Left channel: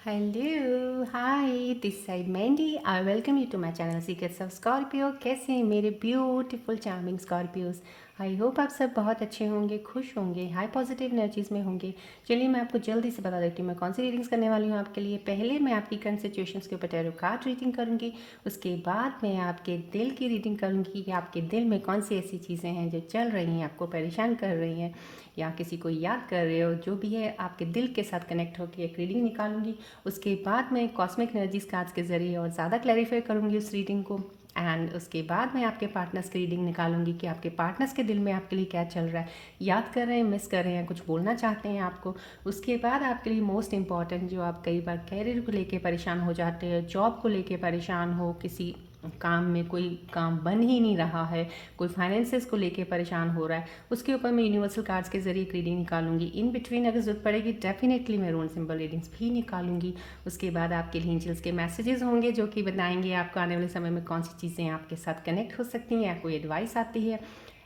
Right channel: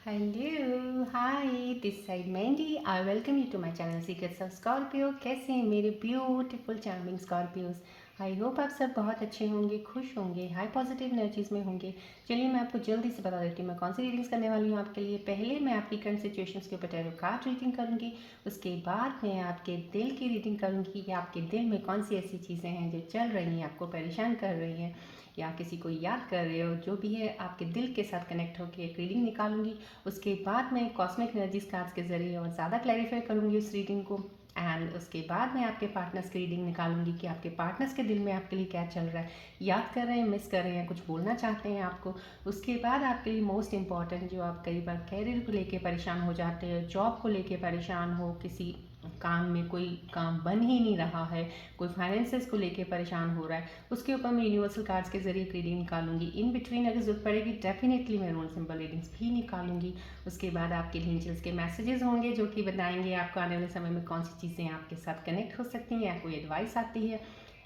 Hello hi this side Mandy I welcome you to my channel secrets of Scorpio. कैसे हैं मेरे beautiful charming Scorpios. I hope आप सब बहुत अच्छे होंगे, खुश होंगे, हाई पॉजिटिव एनर्जीज में होंगे। चलिए मैं आपको जल्दी से बता देती हूँ मैं कौन सी रीडिंग्स करने वाली हूँ आपके लिए। पहले मैं आपकी करंट सिचुएशंस के ऊपर टैरो कार्ड रीडिंग करूँगी। उसके बाद मैं आपके दिल की रीडिंग करूँगी कि आपके दिल में कौन सी ऐसी चीज़ें हैं जो चल रही हैं, आपको परेशान कर रही हैं या किसी को याद कर रहे हो, जो भी है आपके दिल के साथ कनेक्ट होकर एक रीडिंग निकालूंगी। उसके बाद मैं कॉस्मिक एनर्जीज कार्ड्स के ज़रिए और ज़्यादा क्लैरिफाई करूँगी उस रीडिंग को। एंड उसके बाद मैं आपके पार्टनर्स की रीडिंग निकालूंगी कि आपके पार्टनर्स के दिल में आपके लिए क्या चल रहा है, याद कर रहे हैं, मिस कर रहे हैं, कुछ बोलना चाहते हैं आपको। उसके बाद आपके लिए मोस्ट इंपॉर्टेंट, जो आप कई बार कैरियर को लेके परेशान हो जाते हो, जॉब को लेके परेशान हो, किसी काम में कोई काम बन ही नहीं रहा है, कोई फाइनेंसेस को लेके परेशान हो रहा है, उसके ऊपर मैं यूनिवर्सल कार्ड्स के जरिए एक रीडिंग निकालूंगी। इन बिटवीन अगर जरूरत पड़ेगी डेफिनेटली मैं रोन सिंबल रीडिंग्स भी निकालूंगी। उसके बाद आपके लिए एंजल्स के मैसेजेस होंगे जो कि बताएंगे आपको आने वाले समय में कौन सी चीज़ें आपके साथ कनेक्ट हो सकती हैं या कोई एडवाइस आती है।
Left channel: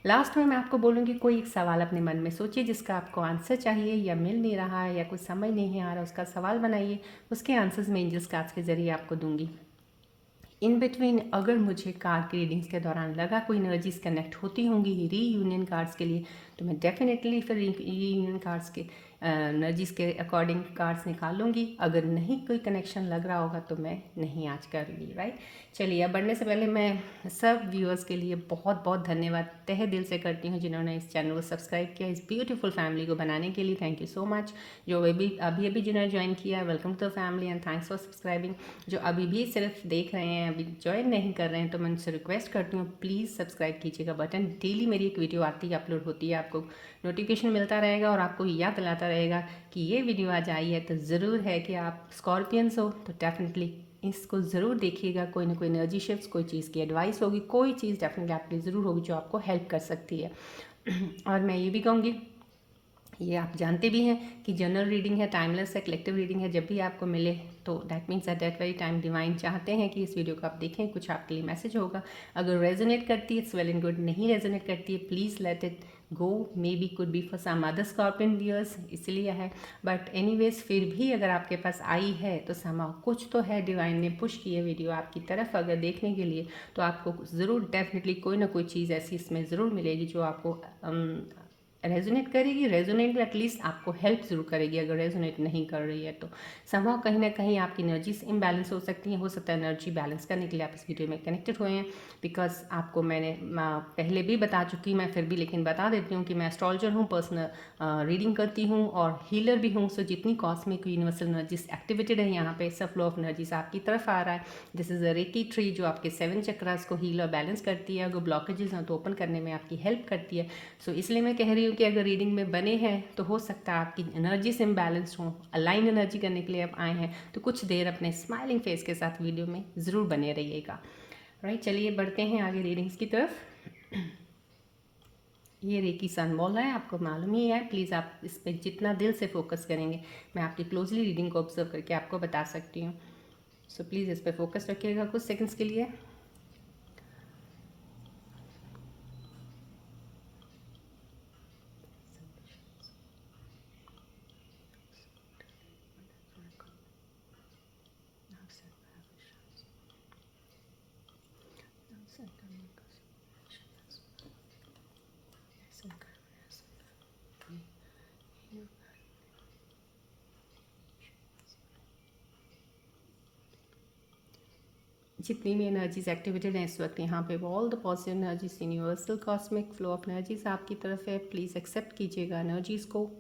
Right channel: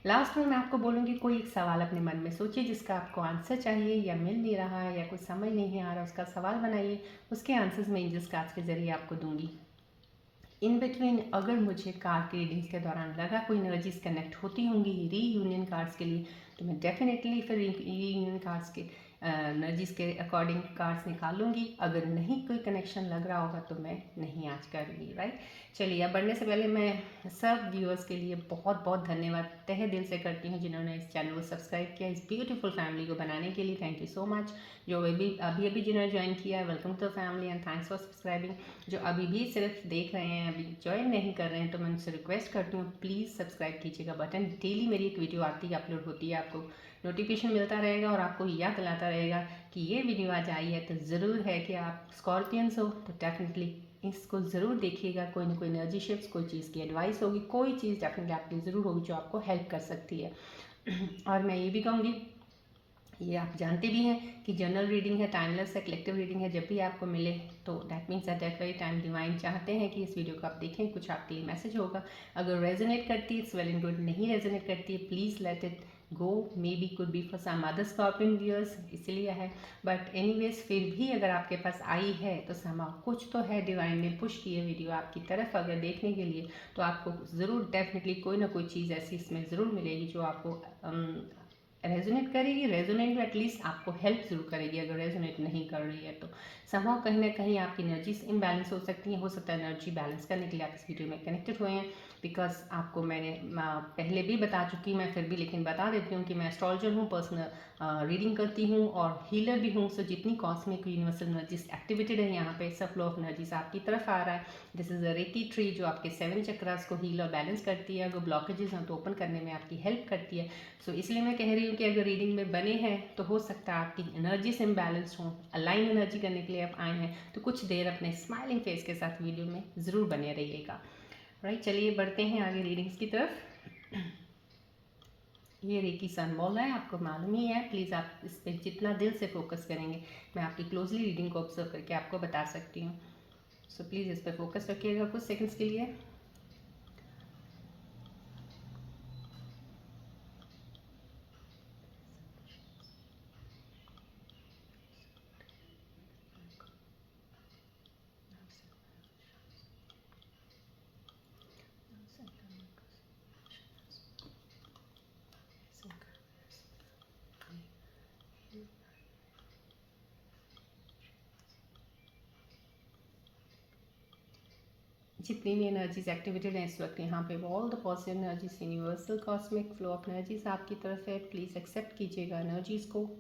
लास्ट में मैं आपको बोलूँगी कोई एक सवाल अपने मन में सोचिए जिसका आपको आंसर चाहिए या मिल नहीं रहा है या कुछ समझ नहीं आ रहा, उसका सवाल बनाइए, उसके आंसर्स मैं एंजल्स कार्ड्स के जरिए आपको दूंगी। इन बिटवीन अगर मुझे कार्ड की रीडिंग्स के दौरान लगा कोई एनर्जीज कनेक्ट होती होंगी रीयूनियन कार्ड्स के लिए, तो मैं डेफिनेटली फिर रीयूनियन कार्ड्स के एनर्जीज के अकॉर्डिंग कार्ड्स निकाल लूँगी। अगर नहीं कोई कनेक्शन लग रहा होगा तो मैं नहीं आज करूँगी। राइट, चलिए अब बढ़ने से पहले मैं सब व्यूअर्स के लिए बहुत बहुत धन्यवाद तहे दिल से करती हूँ जिन्होंने इस चैनल को सब्सक्राइब किया, इस ब्यूटीफुल फैमिली को बनाने के लिए। Thank you so much. जो अभी अभी जिन्होंने ज्वाइन किया, welcome to the family and thanks for subscribing. जो अभी भी सिर्फ देख रहे हैं, अभी ज्वाइन नहीं कर रहे हैं, तो मैं उनसे रिक्वेस्ट करती हूँ प्लीज़ सब्सक्राइब कीजिएगा बटन। डेली मेरी एक वीडियो आती है, अपलोड होती है, आपको नोटिफिकेशन मिलता रहेगा और आपको याद दिलाता रहेगा कि ये वीडियो आज आई है। तो ज़रूर है कि आप स्कॉर्पियंस हो तो डेफिनेटली इसको ज़रूर देखिएगा। कोई ना कोई एनर्जी शिफ्ट, कोई चीज़ की एडवाइस होगी, कोई चीज़ डेफिनेटली आपके लिए ज़रूर होगी जो आपको हेल्प कर सकती है। और मैं ये भी कहूँगी, ये आप जानते भी हैं कि जनरल रीडिंग है, टाइमलेस है, कलेक्टिव रीडिंग है। जब भी आपको मिले तो that means at that very time divine चाहते हैं कि इस वीडियो को आप देखें, कुछ आपके लिए मैसेज होगा। अगर रेजोनेट करती है इट्स वेल एंड गुड, नहीं रेजोनेट करती है please let it go. Maybe could be for some other scorpion viewers, इसलिए है। बट एनीवेज फिर भी अगर आपके पास आई है तो समाव कुछ तो है, डिवाइन ने पुश की है वीडियो आपकी तरफ अगर देखने के लिए, तो आपको ज़रूर डेफिनेटली कोई ना कोई चीज़ ऐसी इसमें ज़रूर मिलेगी जो आपको रेजोनेट करेगी। रेजोनेट में एटलीस्ट आपको हेल्प जरूर करेगी। अगर रेजोनेट नहीं कर रही है तो समहाउ कहीं ना कहीं आपकी एनर्जीज इम्बैलेंस हो सकती है। हो सकता है एनर्जी बैलेंस करने के लिए आप इस वीडियो में कनेक्टेड हुए हैं। बिकॉज आपको मैंने पहले भी बता चुकी, मैं फिर भी लेकिन बता देती हूँ कि मैं एस्ट्रोलॉजर हूँ, पर्सनल रीडिंग करती हूँ और हीलर भी हूँ। सो जितनी कॉस्मिक यूनिवर्सल एनर्जीज एक्टिवेटेड है यहाँ पे, सब फ्लो ऑफ एनर्जीज आपकी तरफ आ रहा है। This is a reiki tree जो आपके 7 चक्रास को हील और बैलेंस करती है। अगर ब्लॉकेजेस हैं तो ओपन करने में आपकी हेल्प करती है। सो इसलिए मैं कह रही हूँ कि अगर रीडिंग में बने हैं तो हो सकता है आपकी एनर्जी से इम्बैलेंस हो, अलाइन एनर्जी करने के लिए आप आए हैं तो कुछ देर अपने स्माइलिंग फेस के साथ वीडियो में ज़रूर बने रहिएगा। राइट, चलिए बढ़ते हैं आगे रीडिंग्स की तरफ। ये रेकी सन बोल रहा है, आपको मालूम ही है। प्लीज़ आप इस पर जितना दिल से फोकस करेंगे, मैं आपकी क्लोजली रीडिंग को ऑब्जर्व करके आपको बता सकती हूँ। सो प्लीज़ इस पर फोकस रखिएगा कुछ सेकंड्स के लिए। जितनी भी एनर्जीज एक्टिवेटेड हैं इस वक्त यहाँ पे, all the positive energies, universal cosmic flow of energies आपकी तरफ है। प्लीज़ एक्सेप्ट कीजिएगा एनर्जीज को।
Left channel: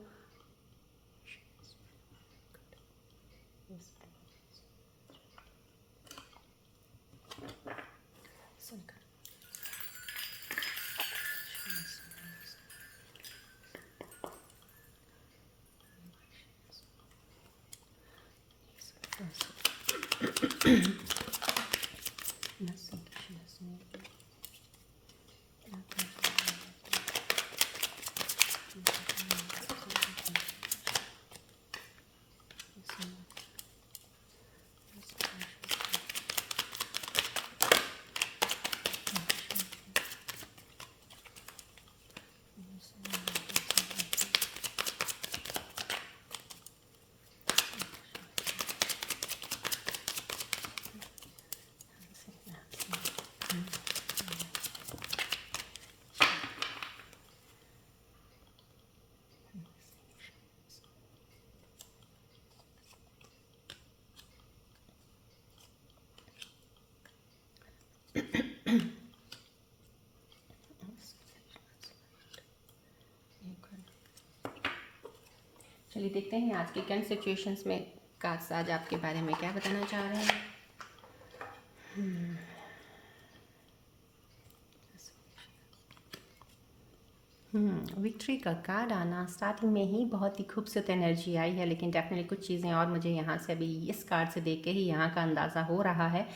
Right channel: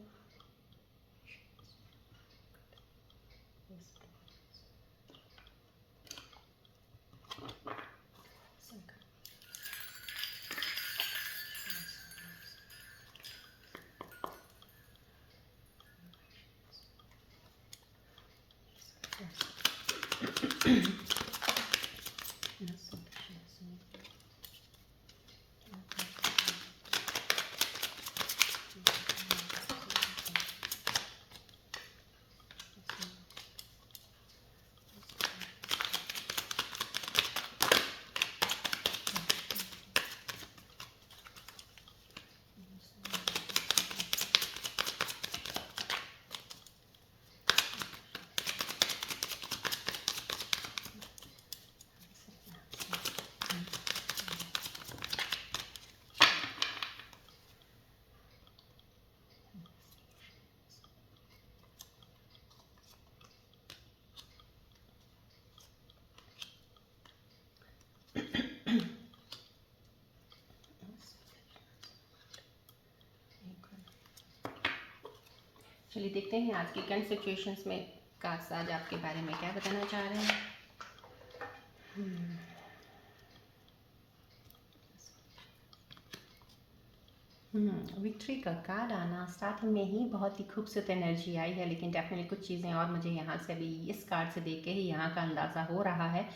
चलिए देखते हैं आज के करंट सिचुएशंस में कार्ड्स आज आपके बारे में क्या बताना चाह रहे हैं। विक्ट्री का कार्ड आना स्टार्टिंग में ही बहुत ही खूबसूरत एनर्जी आई है, लेकिन डेफिनेटली कुछ चीज़ें और मुझे यहाँ से अभी इस कार्ड से देख के ही यहाँ का अंदाज़ा हो रहा है।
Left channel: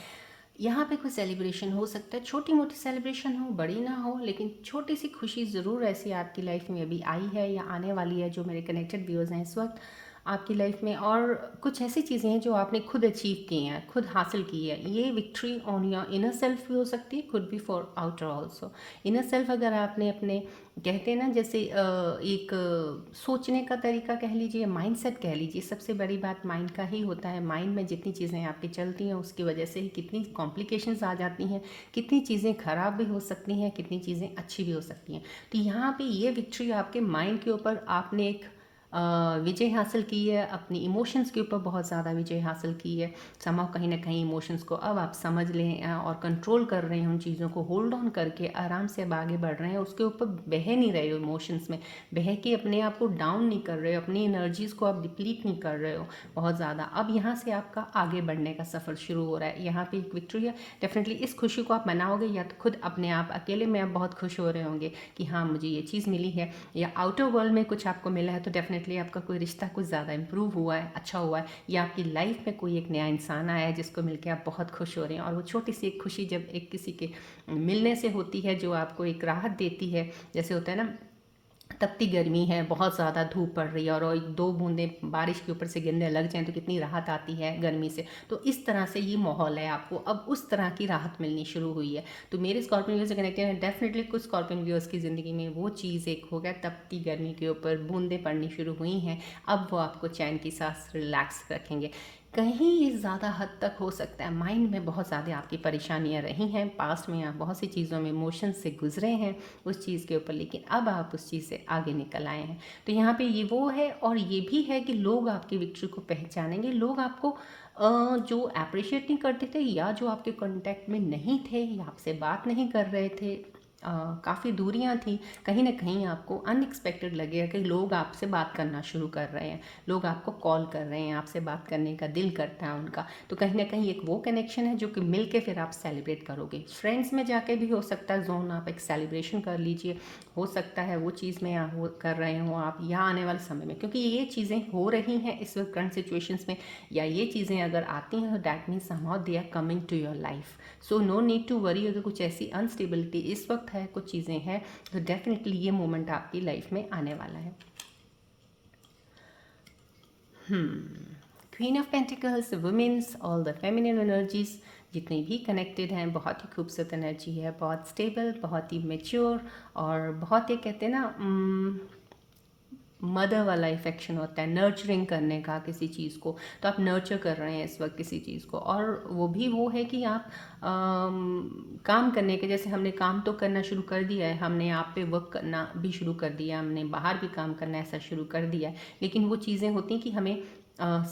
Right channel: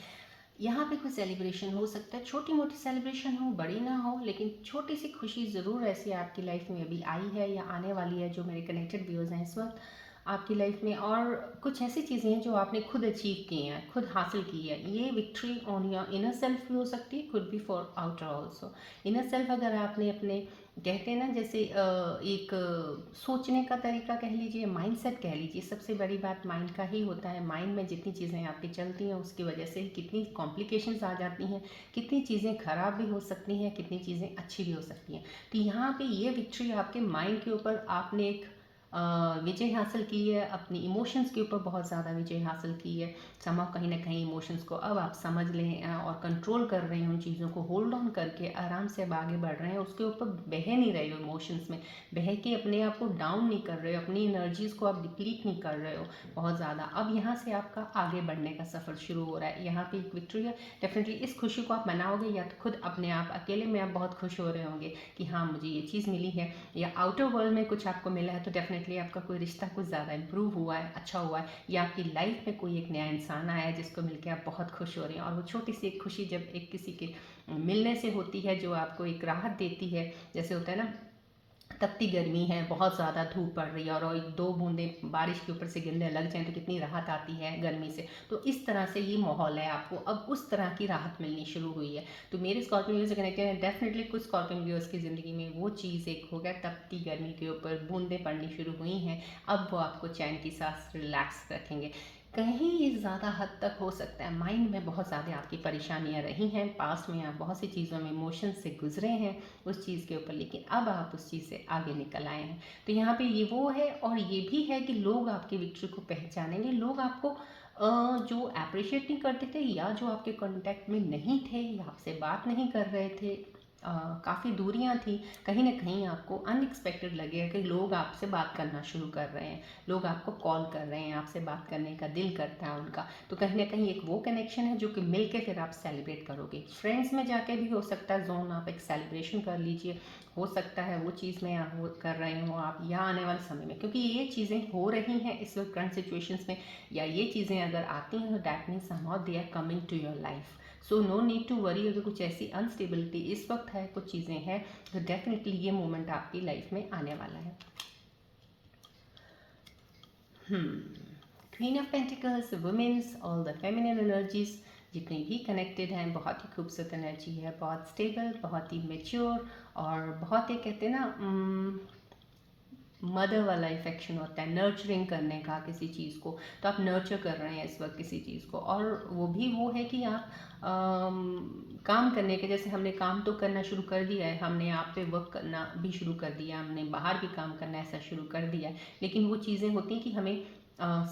यहाँ पे कोई सेलिब्रेशन हो सकता है, छोटी मोटी सेलिब्रेशन हो, बड़ी ना हो, लेकिन छोटी सी खुशी ज़रूर ऐसी आपकी लाइफ में अभी आई है या आने वाली है। जो मेरे कनेक्टेड व्यूअर्स हैं इस वक्त आपकी लाइफ में, और कुछ ऐसी चीज़ें हैं जो आपने खुद अचीव की हैं, खुद हासिल की है। ये victory on your inner self भी हो सकती है, खुद भी for outer also. Inner self अगर आपने अपने, कहते हैं ना जैसे एक सोचने का तरीका कह लीजिए, माइंडसेट कह लीजिए, सबसे बड़ी बात माइंड का ही होता है। माइंड में जितनी चीज़ें आपकी चलती हैं उसकी वजह से ही कितनी कॉम्प्लिकेशंस आ जाती हैं, कितनी चीज़ें ख़राब भी हो सकती हैं, कितनी चीज़ें अच्छी भी हो सकती हैं। तो यहाँ पे ये विक्ट्री आपके माइंड के ऊपर आपने एक विजय हासिल की है, अपनी इमोशंस के ऊपर बहुत ज़्यादा विजय हासिल की है। समाव कहीं ना कहीं इमोशंस को अब आप समझ लें और कंट्रोल कर रहे हैं, उन चीज़ों को होल्ड ऑन करके आराम से अब आगे बढ़ रहे हैं। उसके ऊपर बह नहीं रहे हो, इमोशंस में बह के अपने आप को डाउन नहीं कर रहे हो, अपनी एनर्जीज़ को आप डिप्लीट नहीं कर रहे हो बहुत ज़्यादा। अब यहाँ से आपका आगे बढ़ने का सफ़र शुरू हो रहा है। यहाँ पे एक विक्ट्री है, डेफिनेटली इस खुशी को आप मनाओगे या तो खुद अपने आप अकेले में आप बहुत खुश हो रहे होंगे कि हाँ मुझे ये चीज़ मिली है, या आउटर वर्ल्ड में कुछ आपको मिला है, तो डेफिनेटली आपका कोई रिश्ता कुछ ज़्यादा इंप्रूव हुआ है, अच्छा हुआ है, या आपकी लाइफ में कोई एक नया इंसान आया है जिसको मिलकर आप बहुत खुश हो रहे हैं। और वो छोटी सी एक खुशी जब एक किसी के मिलने से होती है जो आपको एक राहत देती है, जैसे होता है ना तपती गर्मी है, बहुत ज़्यादा धूप पड़ रही है और एक दो बूंदें बारिश के ऊपर से गिरने लग जाएं तो कितनी राहत आती है गर्मी से। तो इस तरह से ये माहौल है, आपको अब उस तरह की राहत मिलनी शुरू हुई है। तो मेरे स्कॉर्पियन व्यूअर्स से कनेक्टेड हैं, डेफिनेटली कुछ स्कॉर्पियन व्यूअर्स की ज़िंदगी में वो चीज़ एक हो गया, तपती गर्मी के ऊपर बूंदें पड़नी शुरू हुई हैं। अब वो आपको चैन की सांस रिलैक्स रखेंगे। कहीं ये ज़्यादा हद तक हो सकता है माइंड में बहुत ज़्यादा आपकी परेशानियां रही हैं, पास्ट में आप बहुत सी चीज़ों में इमोशन से गुजरे हैं उस चीज़ के ऊपर, लेकिन अब आप उस चीज़ से आगे निकल आए हैं। तो यहाँ पे ये वो है, और ये भी है कि लोग आपकी विक्ट्री को पहचानेंगे। लोग आपको जो अप्रिशिएट नहीं करते थे, या जो आपके कांटेक्ट में नहीं थे, या आपसे बात नहीं कर रहे थे, काफ़ी दूरियां थी, कहीं ना कहीं आपको अनएक्सपेक्टेड लगेगा कि लोग आपसे बात करना शुरू कर रहे हैं, लोग आपको कॉल कर रहे हैं, आपसे बात करने का दिल करता है उनका। तो कहीं ना कहीं एक वो कनेक्शन है जो कि मिल के फिर आप सेलिब्रेट करोगे। फ्रेंड्स में जाके भी हो सकता है जोन, आप एक सेलिब्रेशन कर लीजिए, हो सकता है वो चीज़ में आप वो कर रहे हो आप, या आने वाले समय में, क्योंकि ये चीज़ें हो रही हैं इस वक्त करंट सिचुएशंस में, या ये चीज़ें अगर आती हैं तो that means somehow they are coming to your life. So no need to worry. अगर कुछ ऐसी अनस्टेबिलिटी इस वक्त है, कुछ चीज़ें हैं, तो डेफिनेटली ये मोमेंट आपकी लाइफ में आने वाला है। Queen of pentacles, women's, all the feminine energies जितनी भी कनेक्टेड हैं, बहुत ही खूबसूरत एनर्जी है, बहुत स्टेबल, बहुत ही मेच्योर, और बहुत ही कहते हैं ना मदर वाला इफेक्शन होता है, नर्चरिंग करने का किसी चीज़ को। तो आप नर्चर कर रहे हैं इस वक्त किसी चीज़ को, और वो भी वो है कि आप काम करने के, जैसे हमने काम तो करना शुरू कर दिया है, हमने आप पे वर्क करना भी शुरू कर दिया, हमने बाहर भी काम करना ऐसा शुरू कर दिया है, लेकिन वो चीज़ें होती हैं कि हमें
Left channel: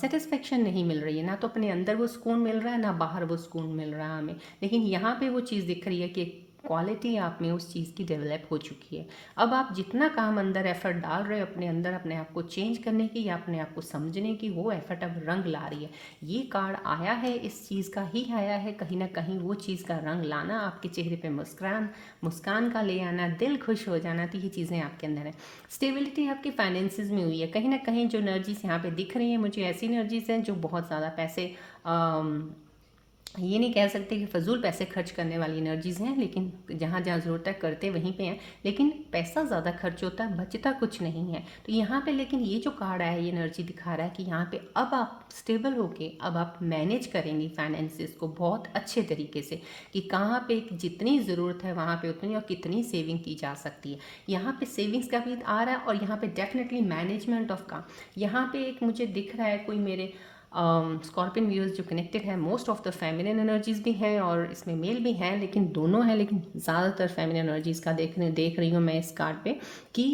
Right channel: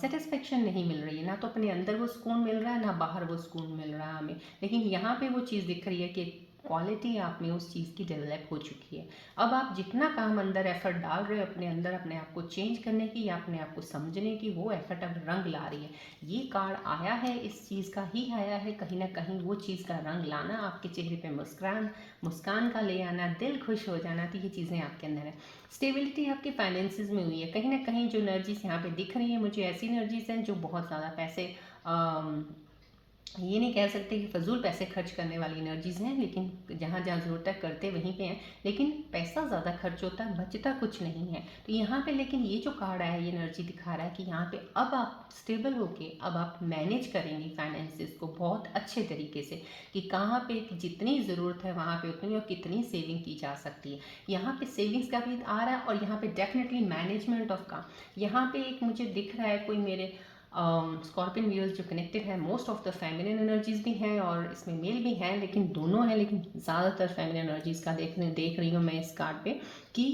सेटिस्फेक्शन नहीं मिल रही है, ना तो अपने अंदर वो सुकून मिल रहा है, ना बाहर वो सुकून मिल रहा है हमें। लेकिन यहाँ पे वो चीज़ दिख रही है कि क्वालिटी आप में उस चीज़ की डेवलप हो चुकी है। अब आप जितना काम अंदर एफर्ट डाल रहे हो अपने अंदर, अपने आप को चेंज करने की या अपने आप को समझने की, वो एफर्ट अब रंग ला रही है। ये कार्ड आया है, इस चीज़ का ही आया है, कहीं ना कहीं वो चीज़ का रंग लाना, आपके चेहरे पे मुस्कान का ले आना, दिल खुश हो जाना, तो ये चीज़ें आपके अंदर है। स्टेबिलिटी आपके फाइनेंसिस में हुई है, कहीं ना कहीं जो एनर्जीज यहाँ पे दिख रही है मुझे, ऐसी एनर्जीज हैं जो बहुत ज़्यादा पैसे, ये नहीं कह सकते कि फजूल पैसे खर्च करने वाली एनर्जीज़ हैं, लेकिन जहाँ जहाँ ज़रूरत है करते वहीं पे हैं, लेकिन पैसा ज़्यादा खर्च होता है, बचता कुछ नहीं है। तो यहाँ पे लेकिन ये जो कार्ड आया, ये एनर्जी दिखा रहा है कि यहाँ पे अब आप स्टेबल होके अब आप मैनेज करेंगे फाइनेंसिस को बहुत अच्छे तरीके से, कि कहाँ पे जितनी ज़रूरत है वहाँ पे उतनी, और कितनी सेविंग की जा सकती है। यहाँ पे सेविंग्स का भी आ रहा है, और यहाँ पे डेफिनेटली मैनेजमेंट ऑफ काम। यहाँ पे एक मुझे दिख रहा है कोई मेरे स्कॉर्पियन व्यूअर्स जो कनेक्टेड है, most of the feminine energies भी हैं और इसमें मेल भी हैं, लेकिन दोनों हैं, लेकिन ज़्यादातर फेमिनिन एनर्जीज का देख रही हूँ मैं इस कार्ड पे, कि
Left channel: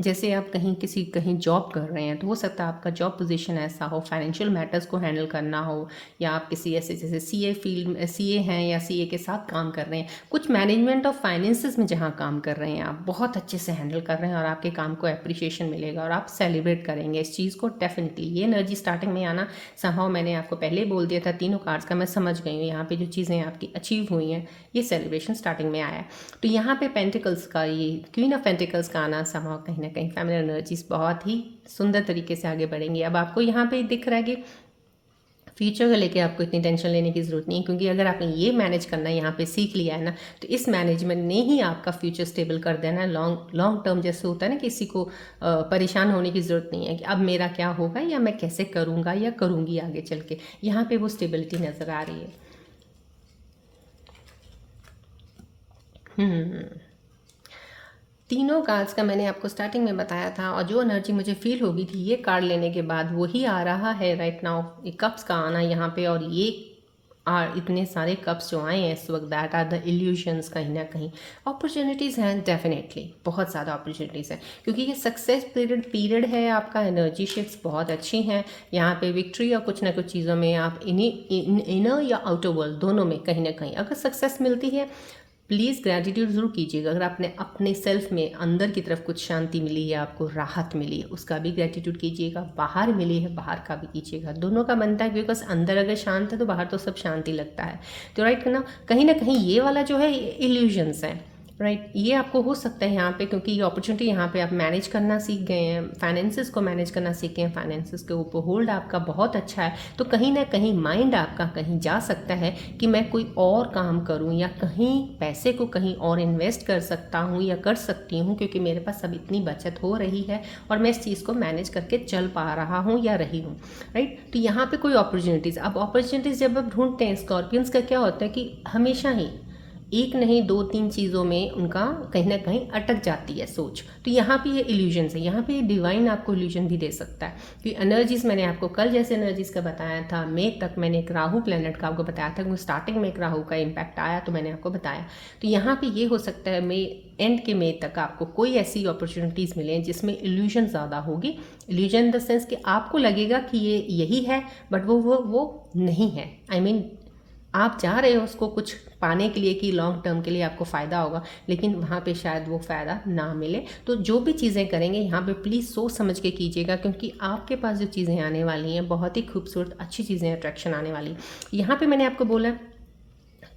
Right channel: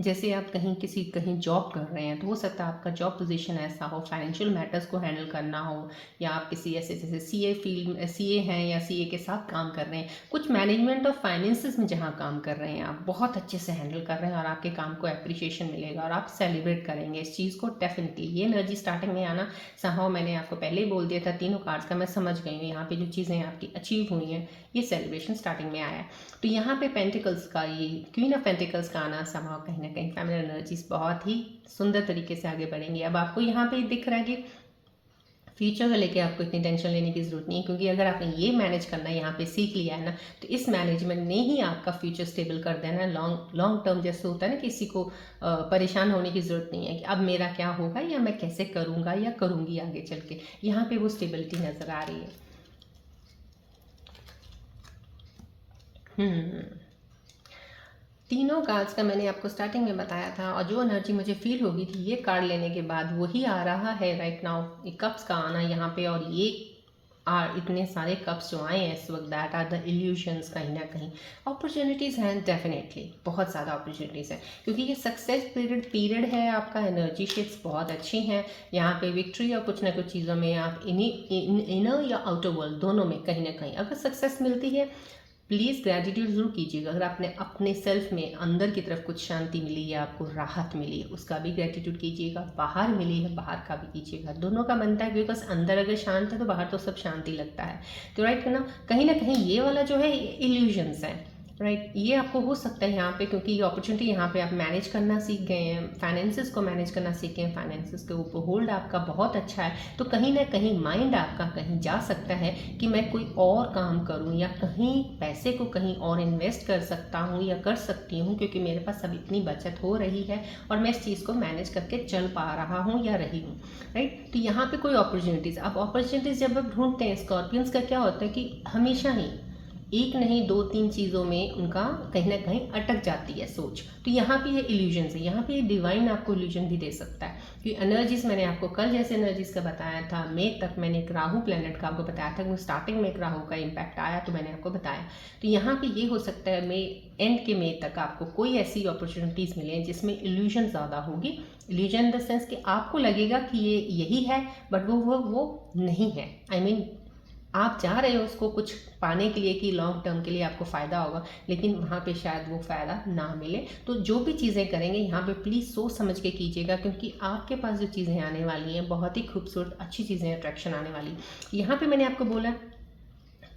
जैसे आप कहीं जॉब कर रहे हैं, तो हो सकता है आपका जॉब पोजीशन ऐसा हो, फाइनेंशियल मैटर्स को हैंडल करना हो, या आप किसी ऐसे जैसे सीए फील्ड में सीए हैं या सीए के साथ काम कर रहे हैं, कुछ मैनेजमेंट ऑफ फाइनेंसेस में जहाँ काम कर रहे हैं, आप बहुत अच्छे से हैंडल कर रहे हैं और आपके काम को अप्रिशिएशन मिलेगा और आप सेलिब्रेट करेंगे इस चीज़ को। डेफिनेटली ये एनर्जी स्टार्टिंग में आना, समहाउ मैंने आपको पहले ही बोल दिया था, तीनों कार्ड्स का मैं समझ गई हूँ यहाँ पे जो चीज़ें आपकी अचीव हुई हैं, ये सेलिब्रेशन स्टार्टिंग में आया है। तो यहाँ पे पेंटिकल्स का, ये क्वीन ऑफ पेंटिकल्स का आना समहाउ कहीं ना कहीं फैमिली एनर्जीज बहुत ही सुंदर तरीके से आगे बढ़ेंगी। अब आपको यहाँ पे दिख रहा है कि फ्यूचर को लेके आपको इतनी टेंशन लेने की ज़रूरत नहीं है, क्योंकि अगर आपने ये मैनेज करना यहाँ पे सीख लिया है ना, तो इस मैनेजमेंट ने ही आपका फ्यूचर स्टेबल कर देना है। लॉन्ग लॉन्ग टर्म जैसे होता है ना, किसी को परेशान होने की ज़रूरत नहीं है कि अब मेरा क्या होगा या मैं कैसे करूँगा या करूँगी आगे चल के। यहाँ पे वो स्टेबिलिटी नज़र आ रही है। तीनों कार्ड्स का मैंने आपको स्टार्टिंग में बताया था, और जो एनर्जी मुझे फील होगी थी ये कार्ड लेने के बाद वही आ रहा है राइट नाउ। ये कप्स का आना यहाँ पे, और ये इतने सारे कप्स जो आए हैं इस वक्त, दैट आर द इल्यूशंस। कहीं ना कहीं अपॉर्चुनिटीज़ हैं, डेफिनेटली बहुत ज़्यादा अपॉर्चुनिटीज़ हैं, क्योंकि ये सक्सेस पीरियड है आपका। एनर्जी शेड्स बहुत अच्छी हैं यहाँ पे। विक्ट्री और कुछ ना कुछ चीज़ों में आप इनर या आउटर वर्ल्ड दोनों में कहीं ना कहीं अगर सक्सेस मिलती है, प्लीज़ ग्रैटिट्यूड ज़रूर कीजिएगा। अगर आपने अपने सेल्फ में अंदर की तरफ कुछ शांति मिली है, आपको राहत मिली है, उसका भी ग्रैटिट्यूड कीजिएगा। बाहर मिली है, बाहर का भी कीजिएगा। दोनों का बनता है, बिकॉज अंदर अगर शांत है तो बाहर तो सब शांति लगता है। तो राइट ना, कहीं ना कहीं ये वाला जो है इल्यूजन्स है, राइट। ये आपको हो सकता है यहाँ पे, क्योंकि ये अपॉर्चुनिटी यहाँ पे आप मैनेज करना सीख गए हैं, फाइनेंसेस को मैनेज करना सीख गए हैं, फाइनेंसेस के ऊपर होल्ड आपका बहुत अच्छा है। तो कहीं ना कहीं माइंड आपका कहीं जा सकता है कि मैं कोई और काम करूँ, या कहीं पैसे को कहीं और इन्वेस्ट कर सकता हूँ या कर सकती हूँ, क्योंकि मेरे पास अब इतनी बचत हो रही है और मैं इस चीज़ को मैनेज करके चल पा रहा हूँ या रही हूँ, राइट। तो यहाँ पे कोई अपॉर्चुनिटीज़, अब अपॉर्चुनिटीज़ जब आप ढूंढते हैं स्कॉर्पियंस का क्या होता है कि हमेशा ही एक नहीं दो तीन चीज़ों में उनका कहीं ना कहीं अटक जाती है सोच। तो यहाँ पे ये इल्यूजन्स है, यहाँ पे ये डिवाइन आपको इल्यूजन भी दे सकता है। कि एनर्जीज मैंने आपको कल जैसे एनर्जीज का बताया था, मई तक मैंने एक राहु प्लेनेट का आपको बताया था, क्योंकि स्टार्टिंग में एक राहु का इम्पैक्ट आया तो मैंने आपको बताया। तो यहाँ पे ये हो सकता है मई एंड के मई तक आपको कोई ऐसी अपॉर्चुनिटीज़ मिले जिसमें इल्यूजन ज़्यादा होगी। इल्यूजन इन द सेंस कि आपको लगेगा कि ये यही है, बट वो नहीं है। आई मीन आप चाह रहे हो उसको कुछ पाने के लिए कि लॉन्ग टर्म के लिए आपको फ़ायदा होगा, लेकिन वहाँ पे शायद वो फ़ायदा ना मिले। तो जो भी चीज़ें करेंगे यहाँ पे प्लीज़ सोच समझ के कीजिएगा, क्योंकि आपके पास जो चीज़ें आने वाली हैं बहुत ही खूबसूरत अच्छी चीज़ें अट्रैक्शन आने वाली। यहाँ पे मैंने आपको बोला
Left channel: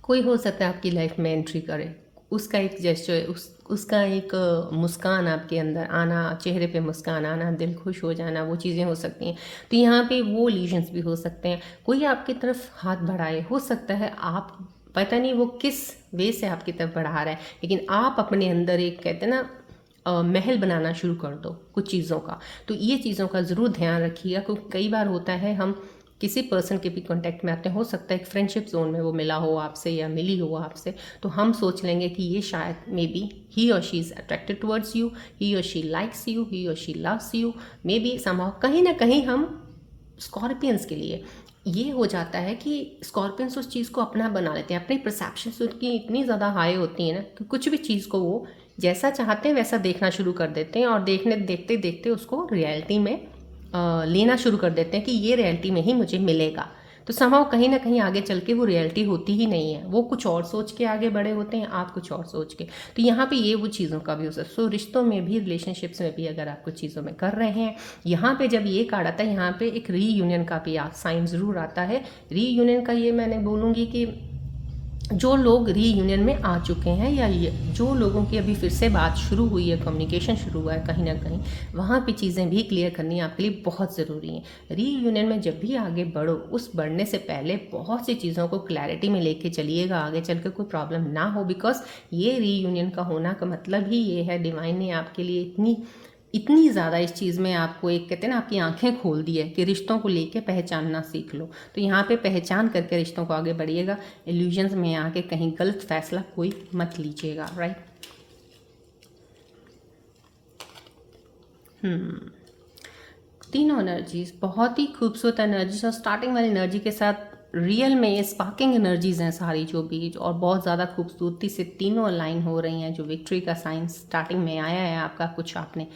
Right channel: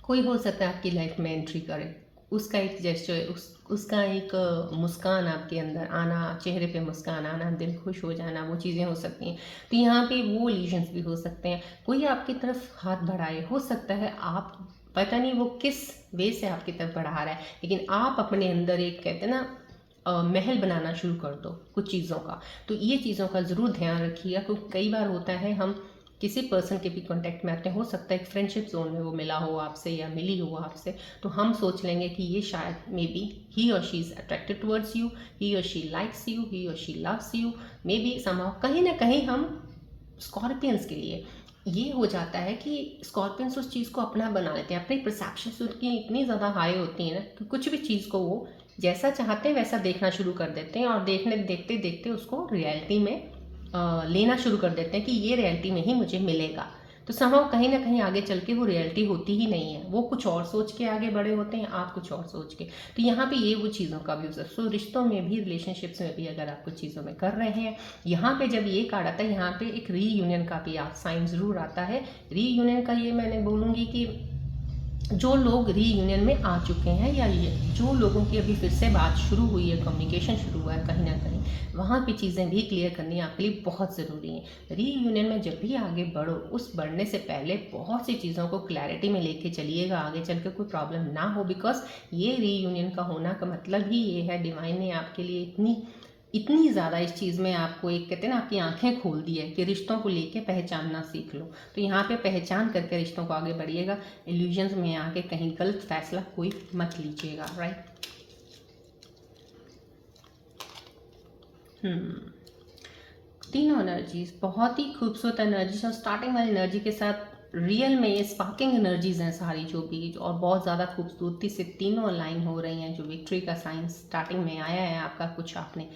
कोई हो सकता है आपकी लाइफ में एंट्री करे, उसका एक जेस्चर, उसका एक मुस्कान आपके अंदर आना, चेहरे पे मुस्कान आना, दिल खुश हो जाना, वो चीज़ें हो सकती हैं। तो यहाँ पे वो इल्यूजन्स भी हो सकते हैं। कोई आपकी तरफ हाथ बढ़ाए, हो सकता है आप पता नहीं वो किस वे से आपकी तरफ बढ़ा रहा है, लेकिन आप अपने अंदर एक कहते हैं ना महल बनाना शुरू कर दो कुछ चीज़ों का। तो ये चीज़ों का ज़रूर ध्यान रखिएगा, क्योंकि कई बार होता है हम किसी पर्सन के भी कांटेक्ट में आते हैं, हो सकता है एक फ्रेंडशिप जोन में वो मिला हो आपसे या मिली हो आपसे, तो हम सोच लेंगे कि ये शायद मे बी ही और she is attracted towards you, he और शी लाइक्स यू, ही और she loves you, maybe somehow कहीं ना कहीं हम स्कॉर्पियंस के लिए ये हो जाता है कि स्कॉर्पियंस उस चीज़ को अपना बना लेते हैं। अपनी परसेप्शंस उनकी इतनी ज़्यादा हाई होती है ना कि कुछ भी चीज़ को वो जैसा चाहते हैं वैसा देखना शुरू कर देते हैं, और देखते देखते उसको रियलिटी में लेना शुरू कर देते हैं कि ये रियलिटी में ही मुझे मिलेगा। तो समहाउ कहीं ना कहीं आगे चल के वो रियलिटी होती ही नहीं है, वो कुछ और सोच के आगे बड़े होते हैं, आप कुछ और सोच के। तो यहाँ पे ये वो चीज़ों का भी हो सकता है। सो रिश्तों में भी, रिलेशनशिप्स में भी अगर आप कुछ चीज़ों में कर रहे हैं, यहाँ पे जब ये कार्ड आता है, यहाँ पे एक रीयूनियन का भी साइन ज़रूर आता है। रीयूनियन का ये मैंने बोलूँगी कि जो लोग रीयूनियन में आ चुके हैं, या जो लोगों की अभी फिर से बात शुरू हुई है, कम्युनिकेशन शुरू हुआ है कहीं ना कहीं, वहाँ पे चीज़ें भी क्लियर करनी आपके लिए बहुत ज़रूरी हैं। रीयूनियन में जब भी आगे बढ़ो, उस बढ़ने से पहले बहुत सी चीज़ों को क्लैरिटी में लेके चलिएगा, आगे चल के कोई प्रॉब्लम ना हो। बिकॉज ये रीयूनियन का होना का मतलब ही ये है, डिवाइन ने आपके लिए इतनी ज़्यादा इस चीज़ में आपको एक कहते हैं ना आपकी आंखें खोल दी है कि रिश्तों को लेके पहचानना सीख लो। तो यहाँ पे पहचान करके रिश्तों को आगे बढ़िएगा। इल्यूजन्स में आके कहीं गलत फैसला कोई मत लीजिएगा, राइट। तीनों एनर्जीज बहुत ही खूबसूरत एनर्जीज, और स्टार्टिंग वाली एनर्जी के साथ रियल में ये स्पार्किंग एनर्जीज हैं सारी जो भी, और बहुत ज़्यादा खूबसूरती से तीनों अलाइन हो रही हैं। जो विक्ट्री का साइन स्टार्टिंग में आया है आपका, कुछ आपने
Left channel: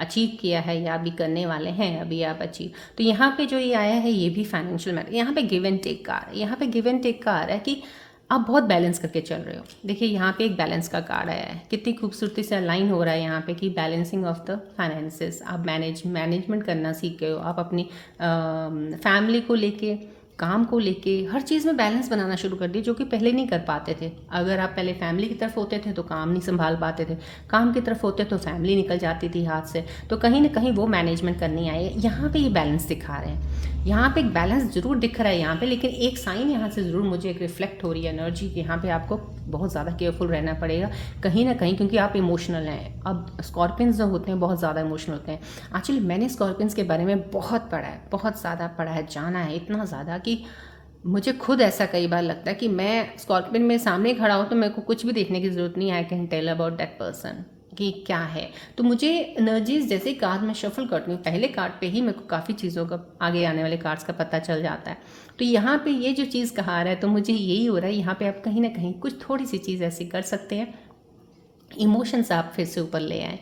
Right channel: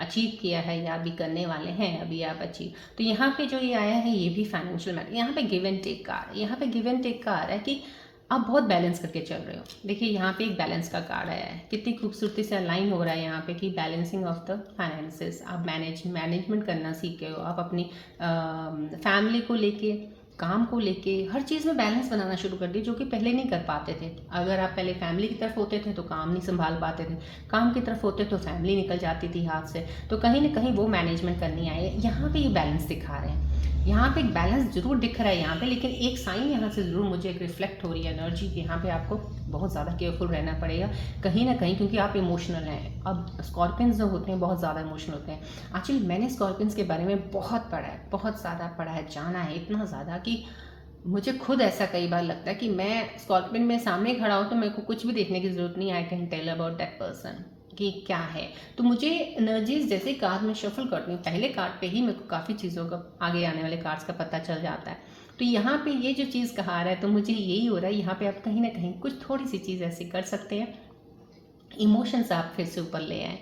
अचीव किया है या अभी करने वाले हैं, अभी आप अचीव। तो यहाँ पे जो ये आया है ये भी फाइनेंशियल मैटर, यहाँ पे गिव एंड टेक का आ रहा है। यहाँ पे गिव एंड टेक का आ रहा है कि आप बहुत बैलेंस करके चल रहे हो। देखिए यहाँ पे एक बैलेंस का कार्ड आया है, कितनी खूबसूरती से अलाइन हो रहा है यहाँ पे कि बैलेंसिंग ऑफ द फाइनेंसेस। आप मैनेजमेंट करना सीख गए हो। आप अपनी फैमिली को लेके, काम को लेके, हर चीज़ में बैलेंस बनाना शुरू कर दिया, जो कि पहले नहीं कर पाते थे। अगर आप पहले फैमिली की तरफ होते थे तो काम नहीं संभाल पाते थे, काम की तरफ होते तो फैमिली निकल जाती थी हाथ से। तो कहीं ना कहीं वो मैनेजमेंट करनी आई है। यहाँ पे ये बैलेंस दिखा रहे हैं, यहाँ पे एक बैलेंस जरूर दिख रहा है यहाँ पे, लेकिन एक साइन यहाँ से ज़रूर मुझे एक रिफ्लेक्ट हो रही है एनर्जी कि यहाँ पे आपको बहुत ज़्यादा केयरफुल रहना पड़ेगा कहीं ना कहीं, क्योंकि आप इमोशनल हैं। अब स्कॉर्पियंस जो होते हैं बहुत ज़्यादा इमोशनल होते हैं। एक्चुअली मैंने स्कॉर्पियंस के बारे में बहुत पढ़ा है, बहुत ज़्यादा पढ़ा है, जाना है, इतना ज़्यादा कि मुझे खुद ऐसा कई बार लगता है कि मैं स्कॉर्पियन में सामने खड़ा हूँ तो मेरे को कुछ भी देखने की ज़रूरत नहीं, I can tell about that person कि क्या है। तो मुझे एनर्जीज जैसे कार्ड में शफल करती हूँ, पहले कार्ड पे ही मेरे को काफ़ी चीज़ों का, आगे आने वाले कार्ड्स का पता चल जाता है। तो यहाँ पे ये जो चीज़ कहा रहा है, तो मुझे यही हो रहा है यहाँ पे आप कहीं ना कहीं कुछ थोड़ी सी चीज़ ऐसी कर सकते हैं, इमोशंस आप फिर से ऊपर ले आए।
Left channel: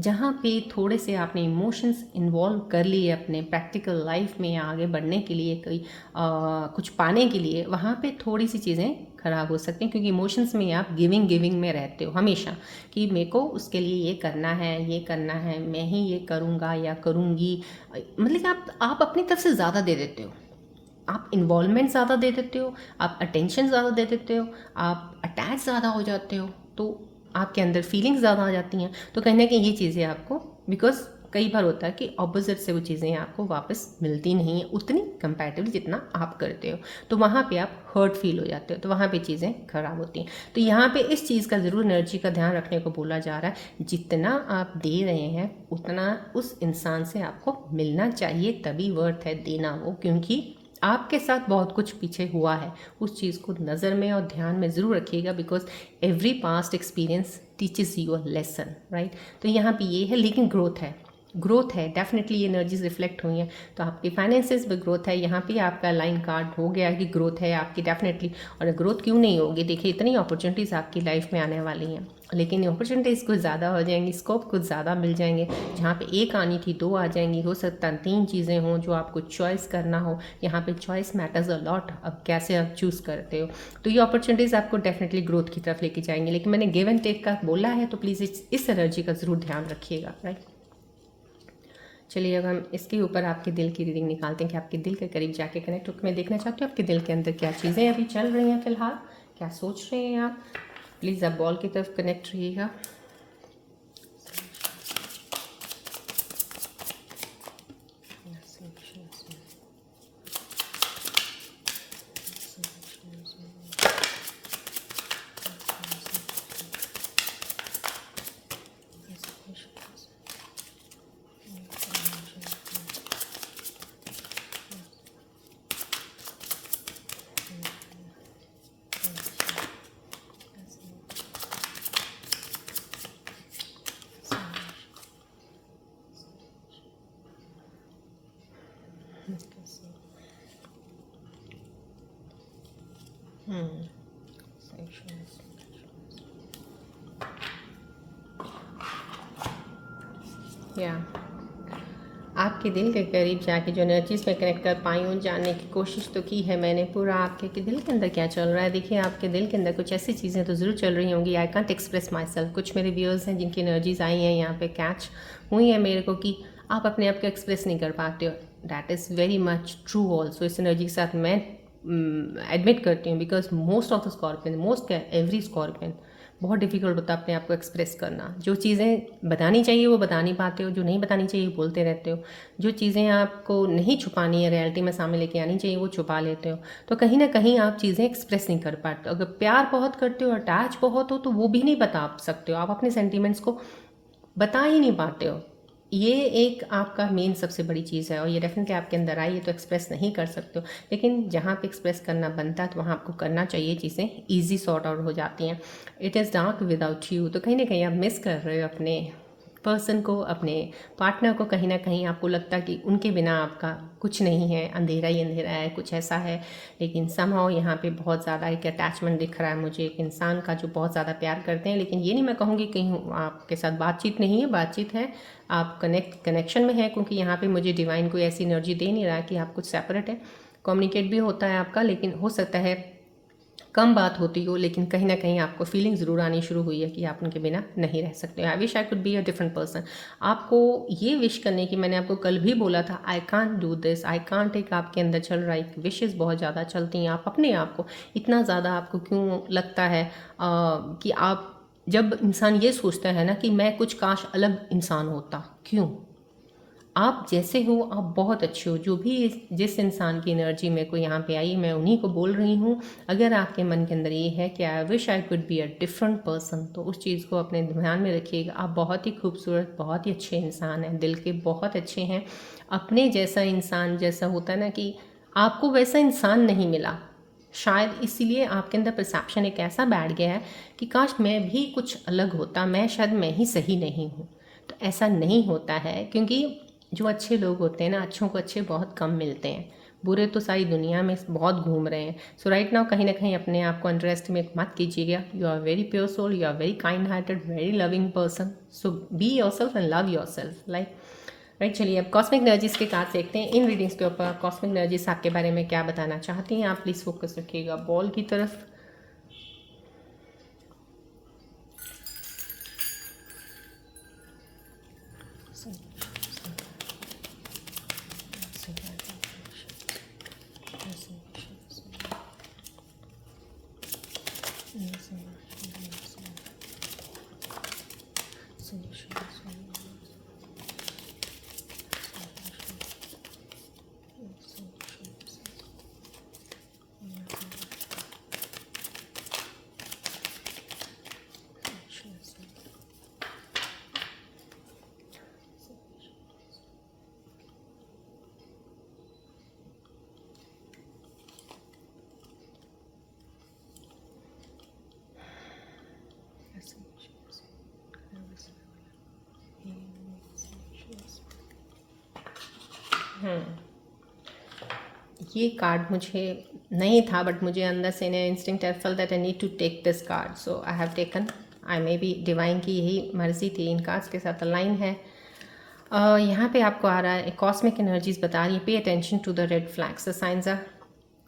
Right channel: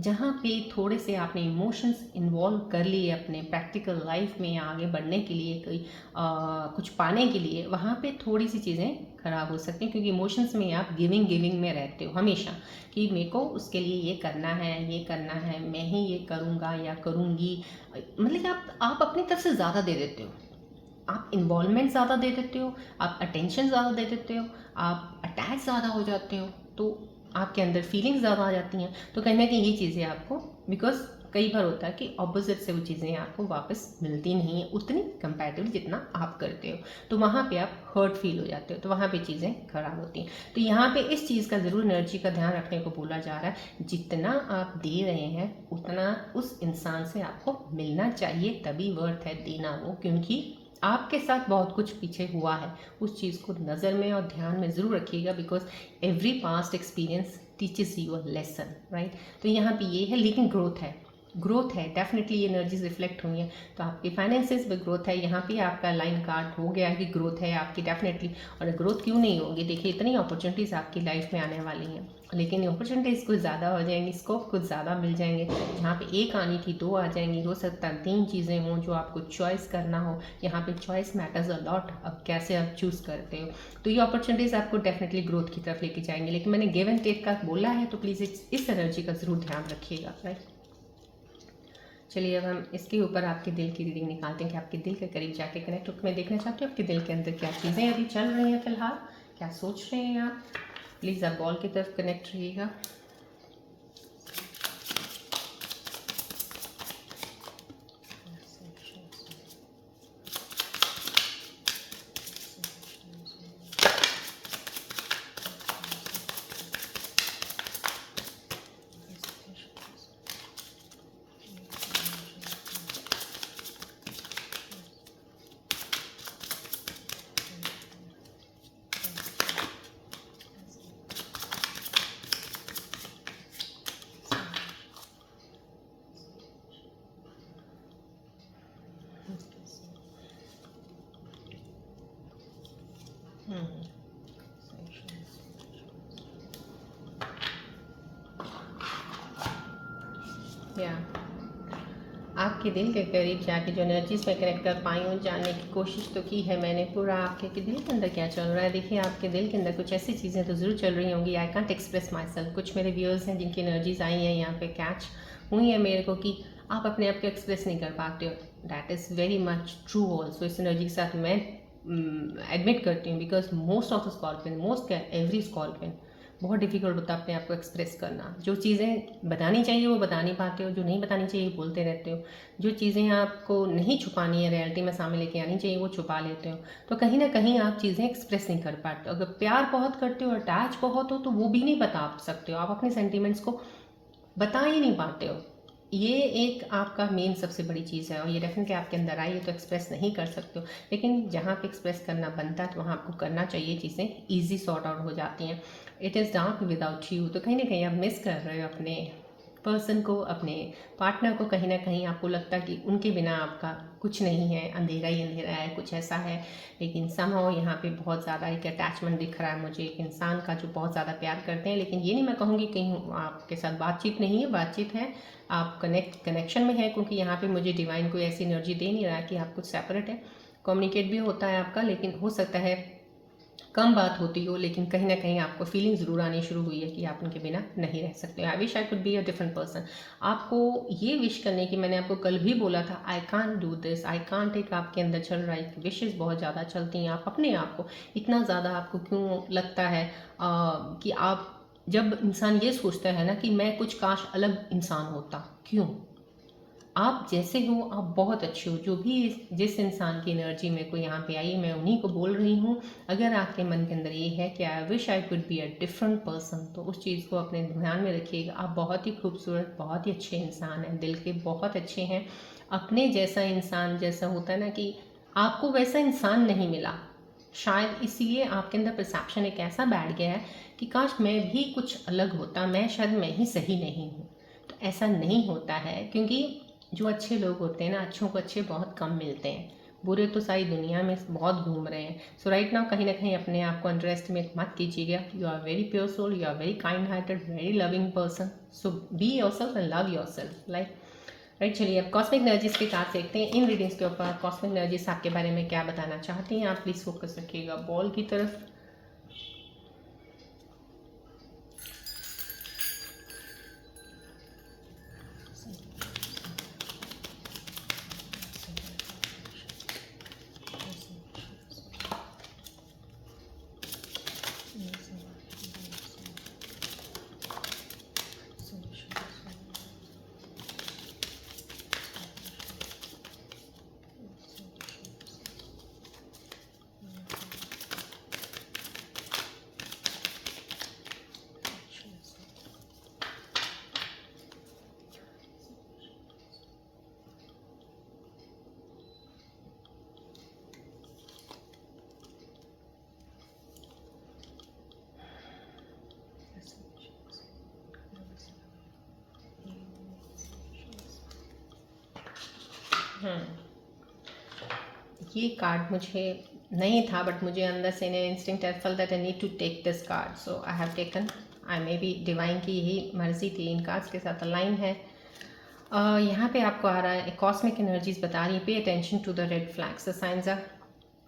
जहाँ पे थोड़े से आपने इमोशंस इन्वॉल्व कर लिए अपने प्रैक्टिकल लाइफ में या आगे बढ़ने के लिए, कोई कुछ पाने के लिए, वहाँ पे थोड़ी सी चीज़ें खराब हो सकती हैं, क्योंकि इमोशंस में आप गिविंग में रहते हो हमेशा कि मेरे को उसके लिए ये करना है, ये करना है, मैं ही ये करूँगा या करूँगी। मतलब कि आप अपनी तरफ से ज़्यादा दे देते हो, आप इन्वॉल्वमेंट ज़्यादा दे देते हो, आप अटेंशन ज़्यादा दे देते हो, आप अटैच ज़्यादा हो जाते हो, तो आपके अंदर फीलिंग्स ज़्यादा आ जाती हैं। तो कहीं ना कहीं ये चीज़ें आपको, बिकॉज कई बार होता है कि ऑपोजिट से वो चीज़ें आपको वापस मिलती नहीं है उतनी कंपैरेटिवली जितना आप करते हो, तो वहाँ पे आप हर्ट फील हो जाते हो, तो वहाँ पे चीज़ें खराब होती हैं। तो यहाँ पे इस चीज़ का ज़रूर एनर्जी का ध्यान रखने को बोला जा रहा है, जितना आप दे रहे हैं उतना उस इंसान से आपको मिलना चाहिए, तभी वर्थ है देना वो, क्योंकि आपके साथ बहुत कुछ पीछे हुआ है। उस चीज़ को नज़र में और ध्यान में ज़रूर रखिएगा, because every past experience teaches you a lesson, right. तो यहाँ पे ये है, लेकिन ग्रोथ है डेफिनेटली, ये एनर्जीज रिफ्लेक्ट हुई हैं। तो आपके फाइनेंसेस में ग्रोथ है, यहाँ पे आपका लाइन कार्ड हो गया कि ग्रोथ है आपकी डेफिनेटली। और ग्रोथ क्यों नहीं होगी, देखिए इतनी अपॉर्चुनिटीज़ आपकी लाइफ में आने वाली हैं, लेकिन अपॉर्चुनिटीज़ कुछ ज़्यादा हो जाएंगी, स्कोप कुछ ज़्यादा मिल जाएंगे। जहाँ पे एक आनी थी 2 आ जाएंगी, हो सकता है 3 चीज़ें हों जो आपको चॉइस करना हो। यहाँ पे चॉइस मैटर्स अ लॉट, अब कैसे आप चूज़ करते हो। तो ये अपॉर्चुनिटीज़ आपको डेफिनेटली ग्रोथ की तरफ लेके जाएंगे, लेकिन मैंने गिव एंड टेक का बोला है, तो प्लीज़ इस एनर्जी का ज़रूर ध्यान रखिएगा, राइट। चलिए अब हम इसके ऊपर आपके दिल की रीडिंग निकालते हैं कि आपके दिल के करीब जाके कनेक्ट होकर मैं देखना चाहती हूँ आपके दिल के अंदर क्या चीज़ें अभी चल रही हैं, फिलहाल क्या सोच रहे हैं आप। प्लीज़ आप बॉल की तरफ कनेक्ट रहिएगा। या आपके दिल के करीब जाके जो एनर्जीज में कनेक्ट कर पाई हूँ, जानने की कोशिश तो की है मैंने पूरा आपके कि दिल के अंदर क्या चल रहा है। देखिए आपके दिल के अंदर कुछ ऐसी चीज़ें तो ज़रूर चल रही होंगी, I can't express my self. कुछ मेरे व्यूअर्स हैं जिनकी एनर्जीज आई हैं यहाँ पे कैच हुई हैं मेरे को कि आप अपने आप को एक्सप्रेस नहीं कर पाते हो। That is very much true also. इस एनर्जी के साथ मैं एडमिट करती हूँ, because most of the scorpion, most क्या एवरी स्कॉर्पियन बहुत डिफिकल्ट होता है अपने आप को एक्सप्रेस करना। जो चीज़ें बतानी चाहिए वो बता नहीं पाते हो, जो नहीं बतानी चाहिए वो बोलते रहते हो, जो चीज़ें आपको नहीं छुपानी है, रियलिटी में सामने लेके आनी चाहिए वो छुपा लेते हो। तो कहीं ना कहीं आप चीज़ें एक्सप्रेस नहीं कर पाते। अगर प्यार बहुत करते हो, अटैच बहुत हो, तो वो भी नहीं बता सकते हो, आप अपने सेंटिमेंट्स को बता ही नहीं पाते हो। ये एक आपका मेन सबसे बड़ी चीज़ है, और ये डेफिनेटली आपके अंदर आई है, तो एक्सप्रेस नहीं कर सकते हो। लेकिन जहाँ पे एक्सप्रेस करना बनता है तो वहाँ आपको करना चाहिए, चीज़ें ईजी सॉर्ट आउट हो जाती हैं। It is dark without you, तो कहीं ना कहीं आप मिस कर रहे हो अपने पर्सन को, अपने पार्टनर को कहीं ना कहीं आपको लगता कि उनके बिना आपका कुछ नहीं है, अंधेरा ही अंधेरा है, कुछ ऐसा है। लेकिन समहाउ यहाँ पे बहुत ज़्यादा एक अटैचमेंट दिख रहा है मुझे एक इंसान का जो बहुत ज़्यादा प्यार करते हैं। लेकिन ये नहीं मैं कहूँगी कहीं आपके साथ बातचीत नहीं है, बातचीत है, आप कनेक्शन में है, क्योंकि यहाँ पे मुझे डिवाइन कोई ऐसी एनर्जी दे नहीं रहा है कि आप कुछ सेपरेट है। कम्युनिकेट भी होता है आपका, लेकिन हो सकता है कम बात होती हो, लेकिन कहीं ना कहीं आपको फीलिंग ज़रूर आनी शुरू हुई है कि आप उनके बिना नहीं रह सकते। I wish I could be a different person. आपको ये विश करने की, मैंने आपको कल भी बोला था, I can't do this, I can't, एक आपके अंदर चल रहा है, विशेज़ बहुत ज़्यादा चलती हैं। आप अपने आप को इतना ज़्यादा, आपको क्यों लगता है कि आप, जब इंसान ये सोचता है ना कि मैं कुछ काश अलग इंसान होता, क्यों? आप जैसे हो आप बहुत अच्छे हो। जो भी जिस इंसान की एनर्जी मेरे को यहाँ पे आई, मैं उन्हीं को बोल रही हूँ। अगर आपके मन के अंदर ये है कि I wish I could be a different person, तो उस चीज़ को अपने ध्यान में रखिएगा। आप बहुत ही खूबसूरत, बहुत ही अच्छे इंसान हैं, दिल के बहुत अच्छे हैं। अपने जैसा इंसान, जैसा होता है ना कि आपको वैसा इंसान नहीं मिला, शायद इसीलिए आपके अंदर परसेप्शन एक ऐसा बैठ गया है कि काश मैं भी कुछ अलग होता, मैं शायद मैं ही सही नहीं हूँ। तो ऐसा नहीं होता है, क्योंकि जो अच्छे लोग होते हैं ना, अच्छों को अच्छे बहुत कम मिलते हैं, बुरे तो सारी दुनिया में बहुत घूम रहे हैं। सो राइट नाउ कहीं ना कहीं अपने आप को अंडर एस्टिमेट मत कीजिएगा। You are very pure soul, you are very kind hearted, very loving person. So be yourself and love yourself, like right. चलिए अब कॉस्मिक एनर्जीज के कार्ड देखते हैं। इन रीडिंग्स के ऊपर कॉस्मिक एनर्जीज आपके बारे में क्या बताना चाहती हैं। आप प्लीज़ फोकस रखिएगा बॉल की तरफ। ये कार्ड मुझे नहीं था, बट मुझे अंदर से ने instinct I felt that I need to take this card, so I have taken. I may be divine की यही मर्जी थी, इन कार्ड्स के साथ अलाइन है। यहाँ पे आपको आ रहा है कॉस्मिक एनर्जीज बता रही है, pay attention to the red flags, the signs are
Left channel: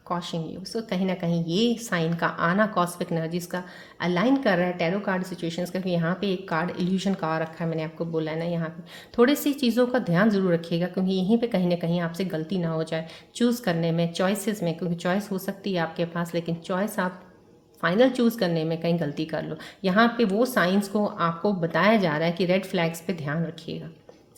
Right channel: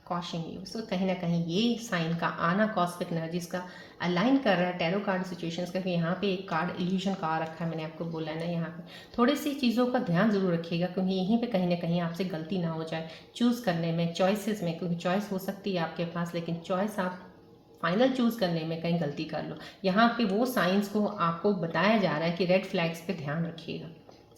cautioning you. So कहीं ना कहीं ये साइन का आना कॉस्मिक एनर्जीज का अलाइन कर रहा है टैरो कार्ड सिचुएशंस का। यहाँ पे एक कार्ड इल्यूजन का आ रखा है, मैंने आपको बोला है ना। यहाँ पे थोड़ी सी चीज़ों का ध्यान जरूर रखिएगा, क्योंकि यहीं पे कहीं ना कहीं आपसे गलती ना हो जाए चूज़ करने में, चॉइसेस में, क्योंकि चॉइस हो सकती है आपके पास, लेकिन चॉइस आप फाइनल चूज़ करने में कहीं गलती कर लो। यहाँ पे वो साइंस को आपको बताया जा रहा है कि रेड फ्लैग्स पे ध्यान रखिएगा।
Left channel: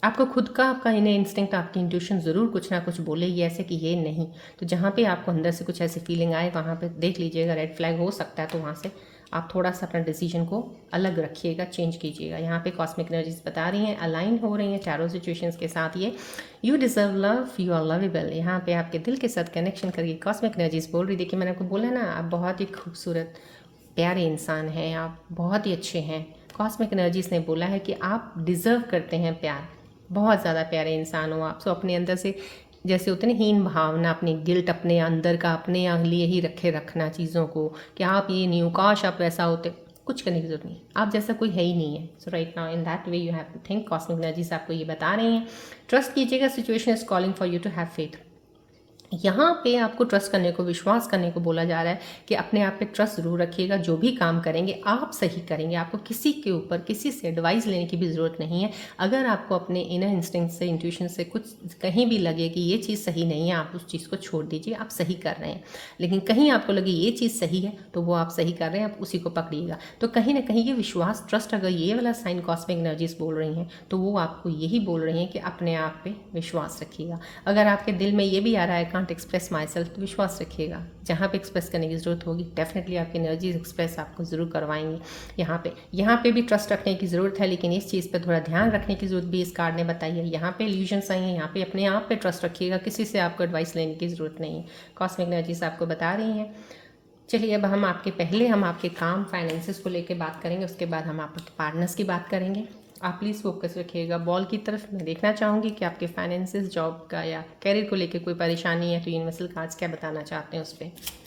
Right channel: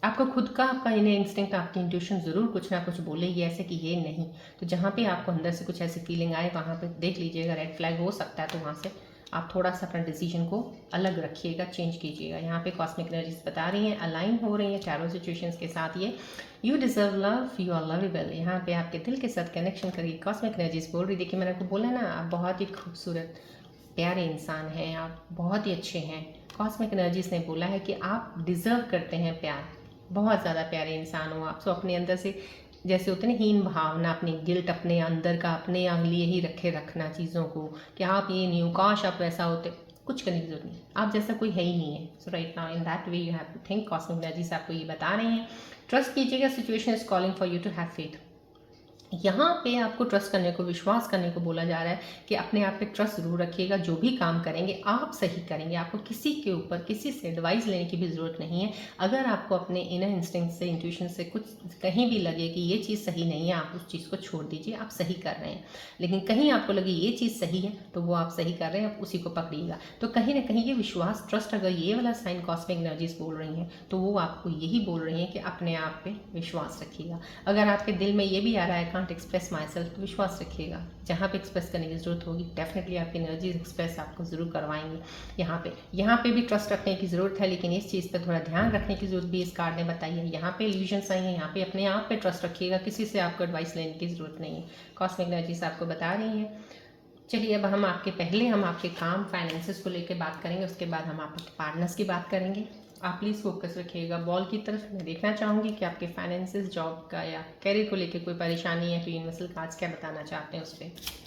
आपको खुद का, आपका इन्हें इंस्टिंक्ट, आपकी इंट्यूशन ज़रूर कुछ ना कुछ बोलेगी ऐसे कि ये नहीं। तो जहाँ पे आपको अंदर से कुछ ऐसी फीलिंग आए, वहाँ पे देख लीजिएगा रेड फ्लैग हो सकता है, तो वहाँ से आप थोड़ा सा अपना डिसीजन को अलग रखिएगा, चेंज कीजिएगा। यहाँ पे कॉस्मिक एनर्जीज बता रही हैं, अलाइन हो रही हैं टैरो सिचुएशंस के साथ। ये you deserve love, you are lovable, यहाँ पे आपके दिल के साथ कनेक्शन करके कॉस्मिक एनर्जीज बोल रही। देखिए मैंने आपको बोला ना, आप बहुत ही खूबसूरत प्यारे इंसान हैं, आप बहुत ही अच्छे हैं। कॉस्मिक एनर्जीज ने बोला है कि आप डिज़र्व करते हैं प्यार, बहुत ज़्यादा प्यारे इंसान हो आप। सो अपने अंदर से जैसे होते हैं ना हीन भावना, अपनी गिल्ट अपने अंदर का अपने लिए ही रखना चीज़ों को, कि आप ये नहीं हो, काश आप वैसा होते, कुछ करने की जरूरत नहीं, आप जैसा कोई है ही नहीं है। So right now in that way you have to think. Cosmic energies आपको ये बता रही हैं, ट्रस्ट कीजिएगा, situation is calling for you to have faith. यहाँ पे आपको ट्रस्ट करने को, विश्वास करने को बोला जा रहा है कि अपने आप पे ट्रस्ट जरूर रखिएगा। जो भी काम करेंगे आप सही करेंगे, आपको किसी के ऊपर किसी से एडवाइस लेने की भी ज़रूरत नहीं है। अगर आपको अपने इनर इंस्टिंक्ट से, इंट्यूशन से कुछ कहीं भी लगे कि ये चीज़ सही नहीं है, आप उस चीज़ को छोड़ दीजिए, आप सही कर रहे हैं। लेकिन कहीं आपको लगे ये चीज़ सही है, तो वो आप सही कर रहे हैं, आप उसी को पकड़िएगा। तो कहीं ना कहीं ये विश्वास, ट्रस्ट, अगर ये वाला साइन कॉस्मिक एनर्जीज बोल रही हैं, तो वो आपको यही बोल रही हैं कि अपने आप पे विश्वास रखिएगा। अगर आपके दिल में ये भी आ रहा है कांट एक्सप्रेस माई सेल्फ, तो विश्वास रखिएगा, जहाँ पे एक्सप्रेस करने की ज़रूरत होगी डेफिनेटली आपकी एनर्जीज एक्सप्रेस आपको ज़रूर करवाएंगी। यहाँ पे भी ट्रस्ट रखने की ज़रूरत है, लेकिन इस चीज़ पे थोड़ा ध्यान रखने की ज़रूरत भी इस कार्ड ने बताई है। यहाँ पे इल्यूजन्स आई हैं, यहाँ पे अपने आप पे ट्रस्ट रखिएगा, किसी से आपको एडवाइस लेने की ज़रूरत नहीं है, कॉस्मिक एनर्जीज आपको बता रही हैं। चलिए अब हम आपके काम फाइनेंसिस को लेकर बात करेंगे, उसके बाद हम आपके पार्टनर्स की बात करेंगे। आप प्लीज़ फोकस रखिएगा बॉल की तरफ। मैं देखना चाहूँगी कि आपके फाइनेंसेस, जॉब का या कैरियर को लेकर कोई परेशानी है तो यूनिवर्सल कार्ड्स क्या बताना चाहते हैं उस पर।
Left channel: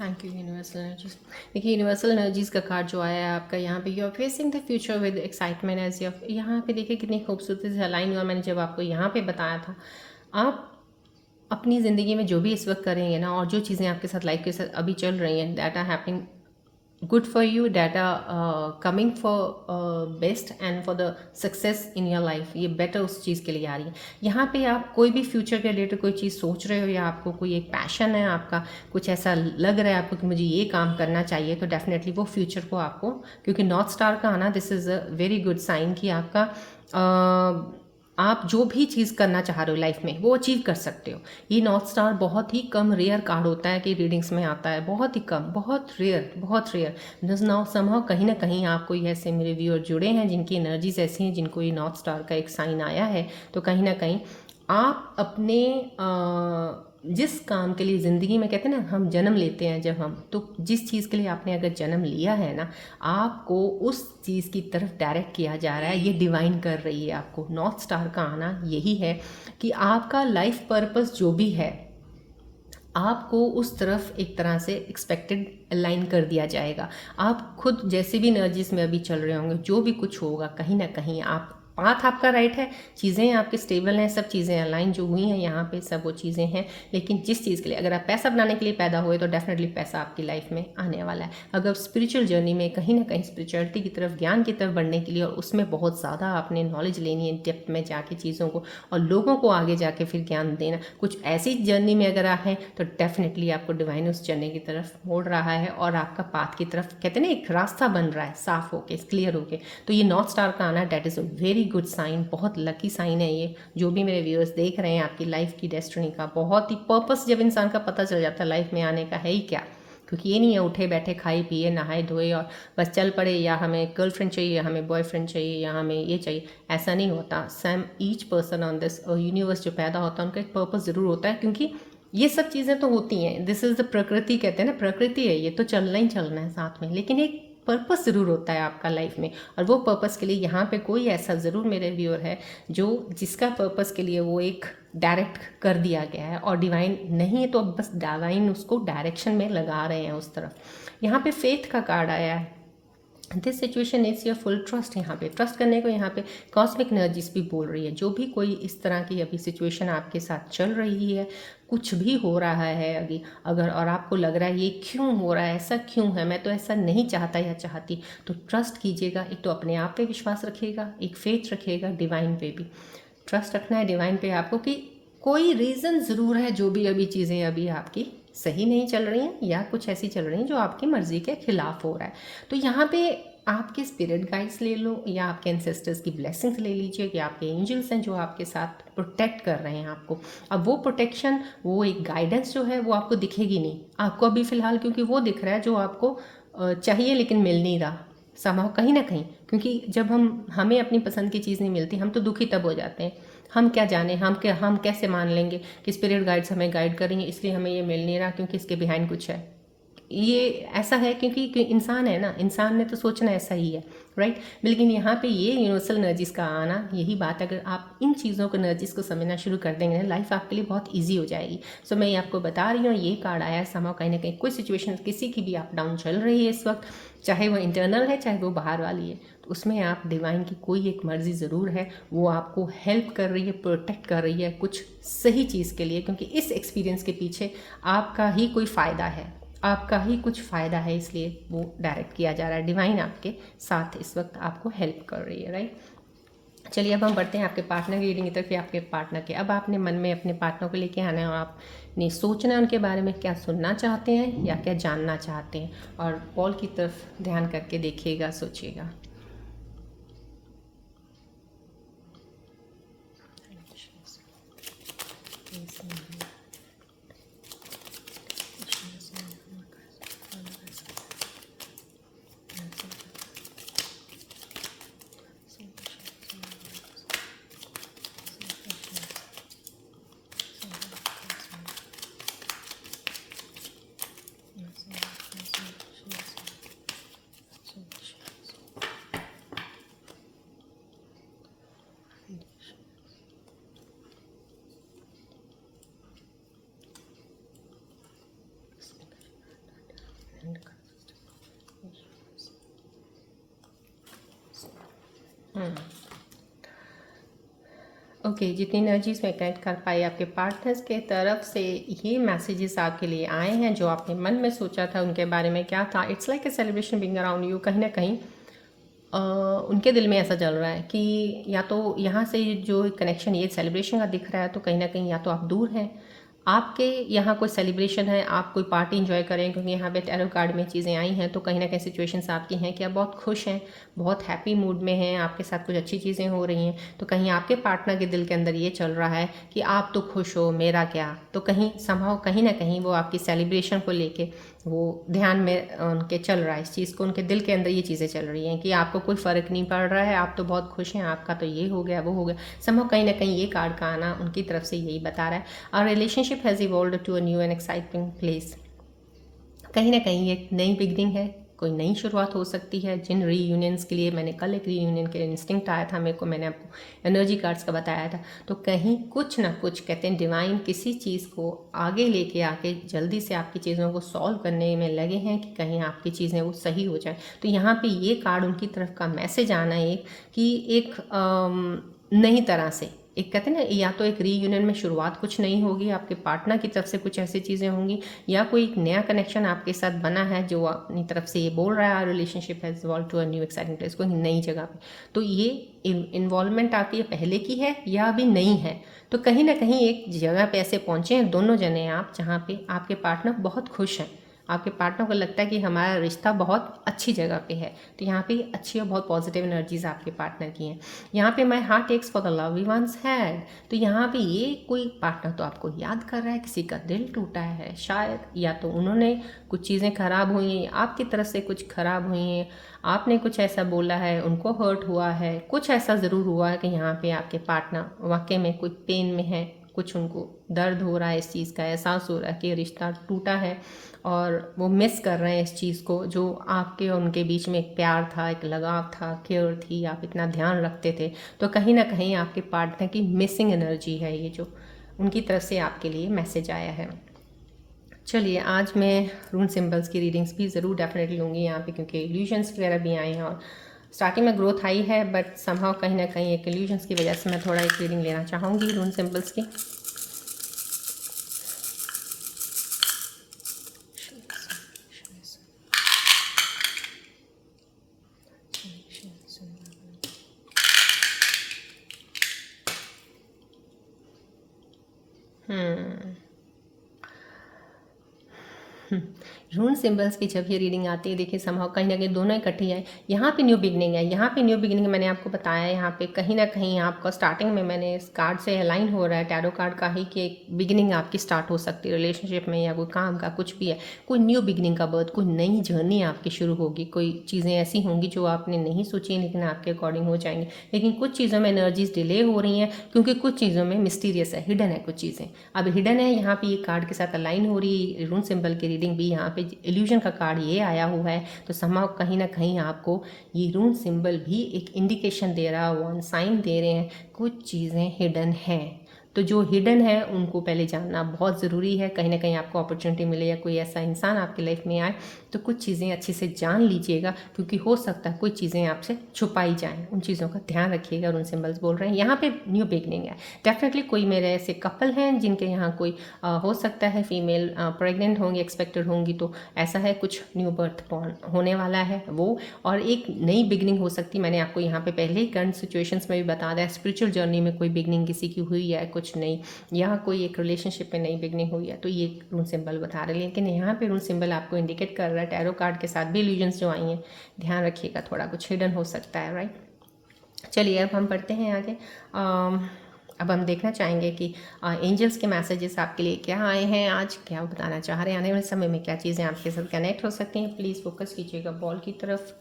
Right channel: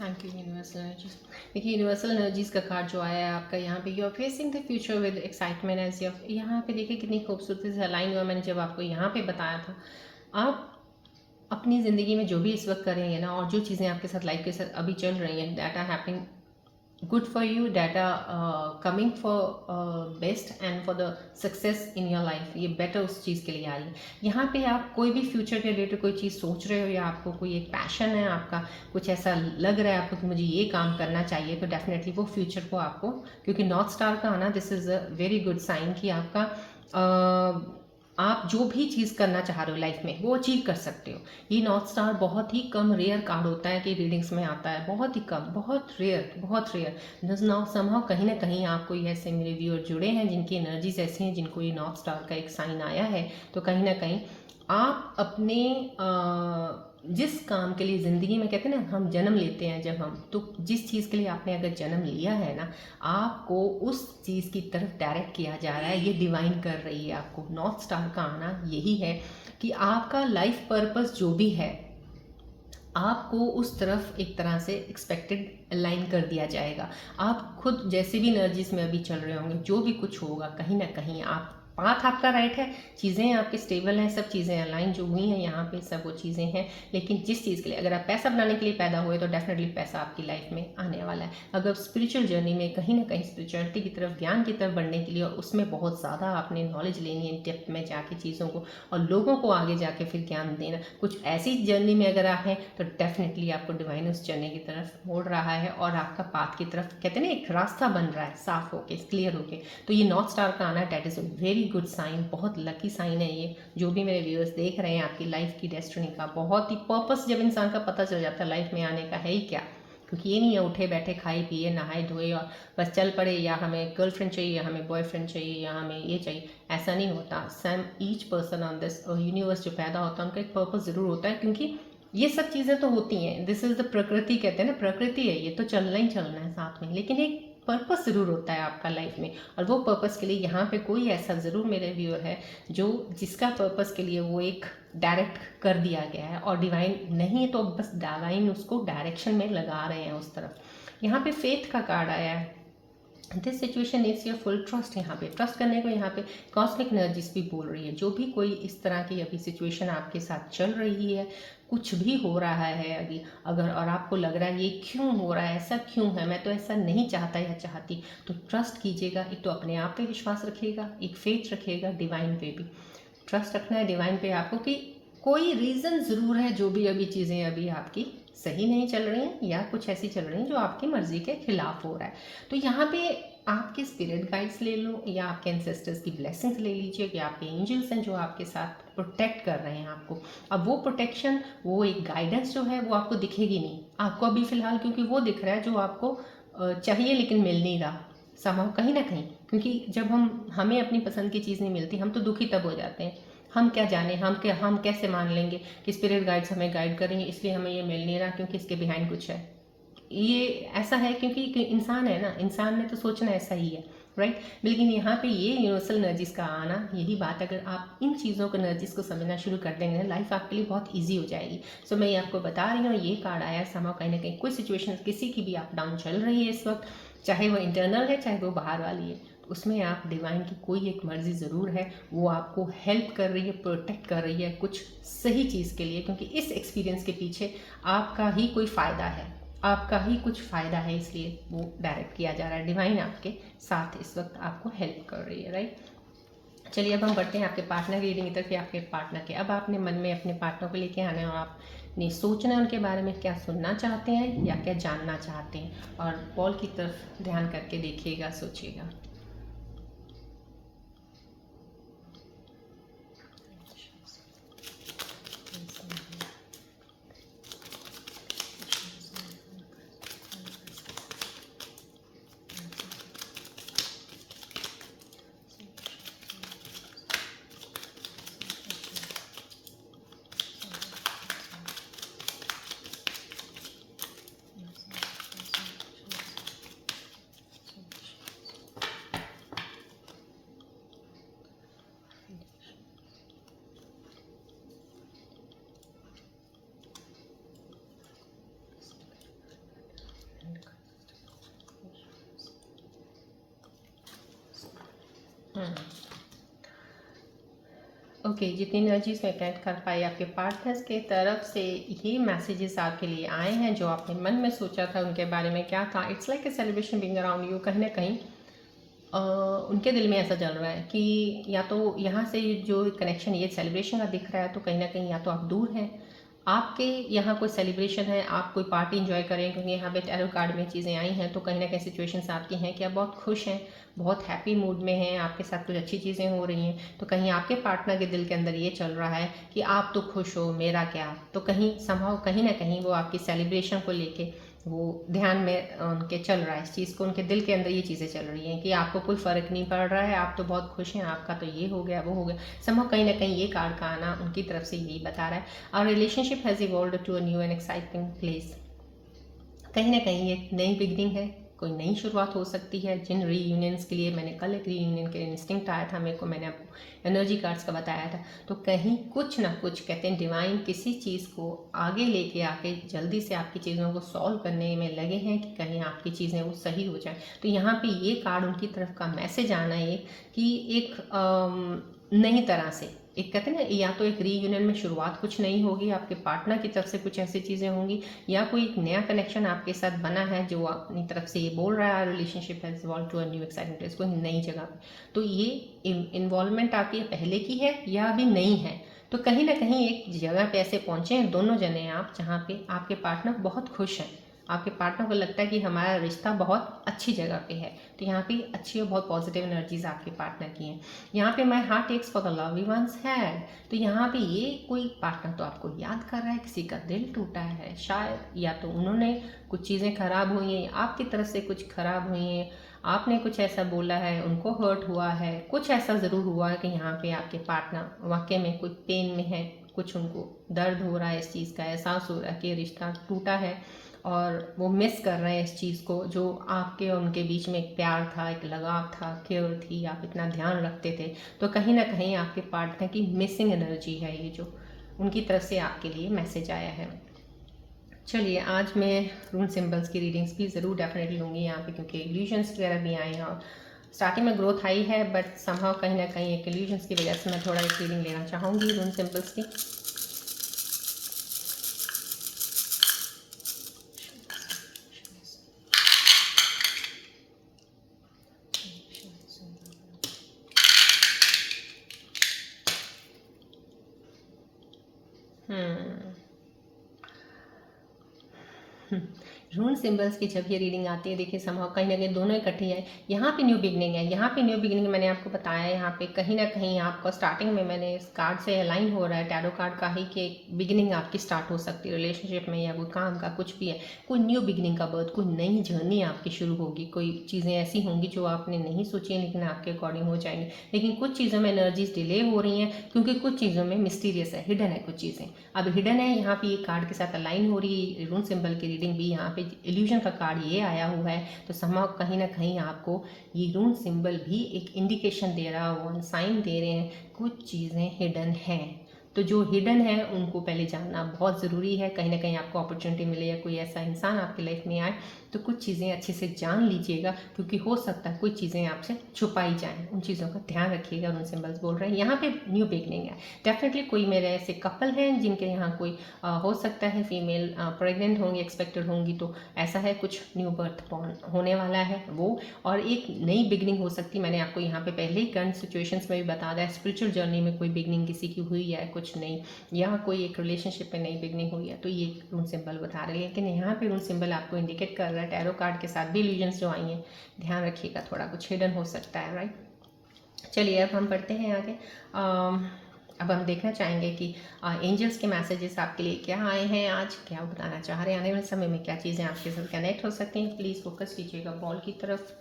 Thank you universal energies. देखिए यूनिवर्सल एनर्जीज का कार्ड जो आया है आपका यहाँ पे, you are facing the future with excitement as you. यहाँ पे देखिए कितनी खूबसूरती से अलाइन हुआ। मैंने जब आपको यहाँ पे बताया था, आप अपनी ज़िंदगी में जो भी इस वक्त करेंगे ना, और जो चीज़ें आपके साथ लाइफ के साथ अभी चल रही हैं, that are happening good for you, that are coming for best and for the success in your life, ये better उस चीज़ के लिए आ रही है। यहाँ पे आप कोई भी फ्यूचर के रिलेटेड कोई चीज़ सोच रहे हो, या आपको कोई एक पैशन है आपका, कुछ ऐसा लग रहा है आपको कि मुझे ये काम करना चाहिए, तो डेफिनेटली वो फ्यूचर को आपको, क्योंकि नॉर्थ स्टार का आना, this is a very good sign कि आपका आप जो भी चीज़ करना चाह रहे हो लाइफ में वो अचीव कर सकते हो। ये नॉर्थ स्टार बहुत ही कम रेयर कार्ड होता है कि रीडिंग्स में आता है, बहुत ही कम, बहुत रेयर, बहुत रेयर। दिस नाउ समहाउ कहीं ना कहीं आप कोई ऐसे मेरे व्यूअर जुड़े हैं जिनकी एनर्जीज ऐसी हैं, जिनको ये नॉर्थ स्टार का एक साइन आया है, तो कहीं ना कहीं आप अपने जिस काम के लिए ज़िंदगी में, कहते हैं ना हम जन्म लेते हैं जब हम, तो जिस चीज़ के लिए आपने अगर जन्म लिया है ना, आपको उस चीज़ की तरफ डायरेक्ट किया जा रहा है। ये डिवाइन कर रही है आपको। नॉर्थ स्टार का आना यही है कि आपका लाइफ पर्पस जो भी है, आपको उस तरफ एक तरह से एक्सपेक्टेड अलाइन कर दिया जाएगा। आप खुद जैसे भी एनर्जीज में अभी चल रहे होंगे, जो भी कुछ होगा, कहीं ना कहीं आप, पाथ आपका राइट है, चीज़ें आपकी स्टेबल हैं, सब चीज़ें अलाइन जो हुई हैं यहाँ पे, सब वो चीज़ें हैं। लेकिन जिस चीज़ के लिए, अगर आप पैसा बनाने के लिए पैदा हुए तो डेफिनेटली पैसा आपकी लाइफ में आने वाला है। अगर स्पिरिचुअल जर्नी में कहीं ना कहीं स्पिरिचुअलिटी की तरफ, ज्ञान की तरफ बढ़ने के लिए, और उसमें बहुत ज़्यादा आपने नॉलेज लेनी है डेप्थ में जाके चीज़ों को, और लोगों को आगे जाके फिर ज्ञान देना, कुछ ऐसी जर्नी में अगर आप हैं तो डेफिनेटली आपको डिवाइन उस जर्नी की तरफ मोड़ रहा है, और आपका पाथ की तरफ, कहते हैं ना एक रास्ता बन रहा है साफ होके, क्लियर होके। तो ये नॉर्थ स्टार का आना, that is a very good sign, बहुत लकी साइन है ये। जो भी मेरे व्यूअर्स देख रहे हैं, आपकी लाइफ की डेस्टिनी का बहुत ही पर्पस जब इंसान का पता चल जाता है लाइफ में आने का है ही क्या, क्योंकि ये नहीं है उठे बैठे खाए पिए नहाए धोए और बस चल पड़े, या हमें गर्लफ्रेंड चाहिए, या हमें बॉयफ्रेंड चाहिए, या हमें ये चाहिए, ऐसा नहीं होता। Sam each person on this universe जो पैदा होता है, उनका एक पर्पस ज़रूर होता है, क्योंकि ये सब चीज़ें तो होती हैं, दिस इज़ द प्रकृति, कहते हैं ना प्रकृति है, ये तो चलना ही चलना है साथ में, लेकिन एक पर्पस ज़रूर होता है आपका लाइफ में, और वो पर्पस के लिए यहाँ पे कोई ऐसा ज़रूर मेरे व्यूअर है जो जिसका पर्पस के लिए वो एक डायरेक्ट कर दिया गया है, और डिवाइन नहीं है तो अब बस डिवाइन उसको डायरेक्शन में लगा रहे हैं उस तरफ। यहाँ पे फेथ का कार्ड आया है। This situation is your full trust. यहाँ पे ट्रस्ट करने को यहाँ पे कॉस्मिक एनर्जीज भी बोल रही है। जो भी कोई इस तरह की अभी सिचुएशन आपके साथ चल रही है, कुछ भी हो रहा है अभी अगर, और आपको लग रहा है ये क्यों हो रहा है, ऐसा क्यों है, मैं तो ऐसा नहीं चाहता या चाहती, तो ट्रस्ट कीजिएगा। एक तो अपने आप पे विश्वास रखिएगा, एक फेथ रखिएगा, डिवाइन पे भी ट्रस्ट रखना है, डिवाइन पे आपको, कि कोई रीज़न ज़रूर है जो भी अभी चीज़ें अभी आपकी सही नहीं चल रही हैं, या कुछ ऐसी चल रही हैं जो आपकी मर्ज़ी के खिलाफ हो रहा है। तो यहाँ पे आपके स्पिरिट गाइड्स ले लो, या आपके एंसेस्टर्स की ब्लेसिंग्स ले लीजिए, कि आपके एंजल्स हैं जो आपके साथ प्रोटेक्ट कर रहे हैं आपको। अब वो प्रोटेक्शन, वो एक गाइडेंस जो है वो आपको दिखेगी नहीं आपको अभी फ़िलहाल, क्योंकि वो दिख रहा है जो आपको चाहिए लेकिन मिल नहीं रहा समाव कहीं ना कहीं। क्योंकि जब हमें अपनी पसंद की चीज़ नहीं मिलती, हम तो दुखी तब हो जाते हैं। हम क्या जाने, हम कैसे मान लेंगे कि स्पिरिट गाइड्स हमें गाइड कर रही हैं, इसलिए हमें ये मिल नहीं रहा क्योंकि इसके बिहाइंड कुछ है। ये ऐसा है क्योंकि इंसान है ना, इंसान ने तो सोचना ऐसा ही है, राइट। लेकिन यहाँ पे ये यूनिवर्सल एनर्जीज का आना, यही बात, अगर आप इन चीज़ों को, एनर्जीज को समझना शुरू कर देंगे, लाइफ आपके लिए बहुत ईजी हो जाएगी। सो मैं ये आपको बता रही हूँ, ये कार्ड आया समाव कहीं ना कहीं कोई सिचुएशन किसी की भी अप डाउन चल रही है इस वक्त, चाहे वो इंटरनल है चाहे वो बाहर वाली है, तो उसमें आप डिवाइन की कोई एक मर्जी ज़रूर है, वो आपको हेल्प कर रही है, प्रोटेक्ट कर रही है कुछ सही चीज़ के लिए, क्योंकि इस एक्सपीरियंस के पीछे आपका ही कोई फ़ायदा है, आपका ही कुछ फ़ायदा है, इसलिए वो डायरेक्ट किया जा रहा है। डिवाइन आपके साथ इस वक्त आपको हेल्प कर रही है, राइट। चलिए अब हम बढ़ते हैं आपके पार्टनर की रीडिंग की तरफ। आपके पार्टनर के, अब आपने मन में अपने पार्टनर को लेके आना है और आपने सोचना है उनके बारे में, क्या सुनना चाहते हैं या क्या जानना चाहते हैं। और पॉल की तरफ ध्यान करके देखिएगा, सोचिएगा। ओके, जितनी एनर्जीज में कनेक्ट कर पाए आपके पार्टनर्स के तरफ से ये मैसेजेस आपके लिए आए हैं। जो आपने मन में सोचा था उनके बारे में क्या था, it's like a celebration being around you. कहीं ना कहीं उनके दिल में ऐसा चल रहा है कि या तो यहाँ से जो कनेक्शन ये सेलिब्रेशन का दिख रहा है, तो कहीं ना कहीं या तो आप दूर हैं, आपके यहाँ कोई सेलिब्रेशन है, आप कोई पार्टी इंजॉय करें, क्योंकि यहाँ पे टैरो कार्ड में चीज़ें आई हैं, तो कहीं ना कहीं सिचुएशंस आपकी हैं कि आप बहुत खुश हैं, बहुत हैप्पी मूड में हैं, आपके साथ कुछ अच्छी चीज़ें हो रही हैं। तो कहीं आपके पार्टनर के दिल के अंदर ये चल रहा है कि आप तो खुश हो, मेरा क्या। तो कहीं संभव कहीं ना कहीं वो आपकी सेलिब्रेशन को लेके वो ध्यान में उनके चल रहा है, इस चीज़ को उनके दिल के अंदर ये चीज़ें चल रही हैं कि आपको कोई फ़र्क नहीं पड़ रहा है, आप तो बहुत खुश हैं, आपका तो ये हो गया वो हो गया। संभव कहीं ना कहीं ये कार्ड का आना उनकी तरफ से यही बता रहा है। Our relationship has evolved to a new and exciting place. कहीं ना कहीं एक नई बिगनिंग है, कोई नई शुरुआत हो सकती है। जिन रीयूनियंस के लिए मैंने कल एक रीयूनियन के इंस्टिंक्ट आया था मेरे को, मैंने आपको एनर्जी कार्ड्स का बताया था, तो कहीं कुछ ना कुछ कहते हैं डिवाइन किसी चीज़ को आगे लेके आके जल्दी से आपकी चीज़ों को सॉल्व करने में लगे हैं कि कहीं आपकी चीज़ें वो सही हो जाए। तो यहाँ पे ये कार्ड उनकी तरफ का मैसेज आना है कि एक नई तरह से, एक कहते हैं ना, या तो एक रीयूनियन में शुरुआत कुछ नहीं होगी, आपके पार्टनर की तरफ से कुछ ऐसी चीज़ें होंगी, या कोई एक नया कनेक्शन आपके साथ बना है जो अपनी तरफ से ये बोल रहा है relationship has evolve to a new exciting place, कोई नई जगह पे। तो ये इन्वॉल्वमेंट आपकी पहले की है या अभी नई है, तो कहीं ना कहीं एक जगह पे ऐसे पहुँचे हैं दोनों जने आप, जहाँ पे आपके पार्टनर बहुत खुश हैं, आपके पार्टनर को लगता है कि हमारा रिश्ता बहुत अच्छी जगह पे है। तो यहाँ पे अच्छी और बहुत पॉजिटिव एनर्जीज आपके पार्टनर की हैं। यहाँ पे माई हार्ट टेक्स for the love we once had, तो यहाँ पे ये कोई पार्टनर तो आपको याद कर रहा है, किसी का दिल टूटा है शायद, या तो उन्होंने कुछ चीज़ें खराब हुई हैं, आपकी तरफ से कुछ खराब हुई हैं, आपने कुछ ऐसा बोला है, उनको हर्ट हुआ है, कुछ ऐसा ज़रूर हुआ है कि यहाँ पे आपके पार्टनर वाकई में कुछ पेन में है, कुछ उनको दर्द हो रहा है, इस चीज़ का एहसास हो रहा है कि रिश्ता टूटा है और वो मिस कर रहे हैं इस चीज़ को, जो आपके और उनके बीच में एक प्यार था, एक लगाव था, केयर थी, आप इतना ध्यान रखते थे। तो कहीं ना कहीं आपके पार्टनर की मिसिंग एनर्जी है ये, जो उनकी तरफ से आपके लिए मैसेज आया है। चलिए आज मैं रून सिंबल्स की रीडिंग्स भी ज़रूर डेफिनेटली लूँगी यहाँ पे, क्योंकि इल्यूजन्स वगैरह भी आए हैं और स्टार्टिंग में ग्रोथ आई है, बट समहाउ कहीं ना कहीं एक इल्यूजन्स की वजह से मैं थोड़ा एक रीडिंग लेना चाहूँगी रून सिंबल्स की। रून सिंबल्स की जब ये रीडिंग आती है, देखिए समहाउ कहीं ना कहीं दोनों इकट्ठी है। यहाँ पे न्यू बिगनिंग है, यहाँ पे न्यू बिगनिंग मैंने आपको बताया, यहाँ पे कहीं ना कहीं आपका स्टार्टिंग में मैंने इस कार्ड से अलाइन हो रहा है टैरो कार्ड का ही, कि एक बिगिनिंग आपकी स्टार्ट हो सकती है रिलेशनशिप में, या कोई काम का कुछ भी है, कोई न्यू बिगिनिंग का बर्थ, कोई नई जर्नी आपकी शुरू होगी, कोई चीज़ें ऐसी होंगी जो आपने नहीं सोची लेकिन आपके अकॉर्डिंग हो जाएंगी। लेकिन कुछ चीज़ों में एनर्जीज डिले हो रही हैं, क्योंकि कुछ चीज़ों में मिस्टीरियस है, हिडन है कुछ चीज़ें। अब हिडन है, यहाँ पे ये कार्ड के साथ अलाइन हो रही है रून सिंबल की रीडिंग भी, यहाँ पे इल्यूजन का कार्ड ये आया हुआ है। तो समहाउ कहीं ना कहीं आपको ये रून सिंबल भी एक इंडिकेशन दे रहा है, साइन दे रहे हैं कुछ चीज़ें हिडन हैं। तो जो हिडन है उनको पहले जानना बहुत ज़रूरी है। कहीं ना कहीं आपको अपॉर्चुनिटी मिले या कोई ऐसा इंसान आपकी लाइफ में आए तो कुछ चीज़ें अच्छे से जान लीजिएगा, क्योंकि हो सकता है कुछ चीज़ें आपसे छुपाई जाएँ। उन चीज़ों का ध्यान रखिएगा। और उन सिंबल्स बोल रहे हैं यहाँ पे न्यू बिगनिंग है। डेफिनेटली कोई मेरे ऐसे कपल हैं जिनके यहाँ कोई हो सकता है फीमेल प्रेग्नेंट होंगी, एक्सपेक्टेड होंगी, तो ऐसा है कुछ न्यू बर्थ बॉर्न होने वाला है वो, और एक नई बिगनिंग हो सकती है। मैंने आपको यहाँ पे पहले ही करंट सिचुएशंस में भी बता दिया, स्पिरिचुअल जर्नी में कोई बिगनिंग किसी की हुई है कुछ नई, या कोई एक रिलेशनशिप में नई बिगनिंग हुई है, तो ये रून सिंबल बता रहे हैं। लेकिन यहाँ पे रून सिंबल आपको इंडिकेट कर रहा है टैरो कार्ड के साथ भी इल्यूजन्स जो आई हैं, ध्यान रखिएगा, थोड़ा कुछ हिडन हो सकता है, राइट। चलिए अब हम पढ़ते हैं आगे। अब हम देखना चाहेंगे कि एंजल्स के मैसेजेस आपके लिए क्या आए हैं आज, क्या बताना चाह रहे हैं, आने वाले समय में क्या चीज़ें आपके साथ कनेक्ट हो सकती हैं। प्लीज़ फोकस कीजिएगा बॉल की तरफ।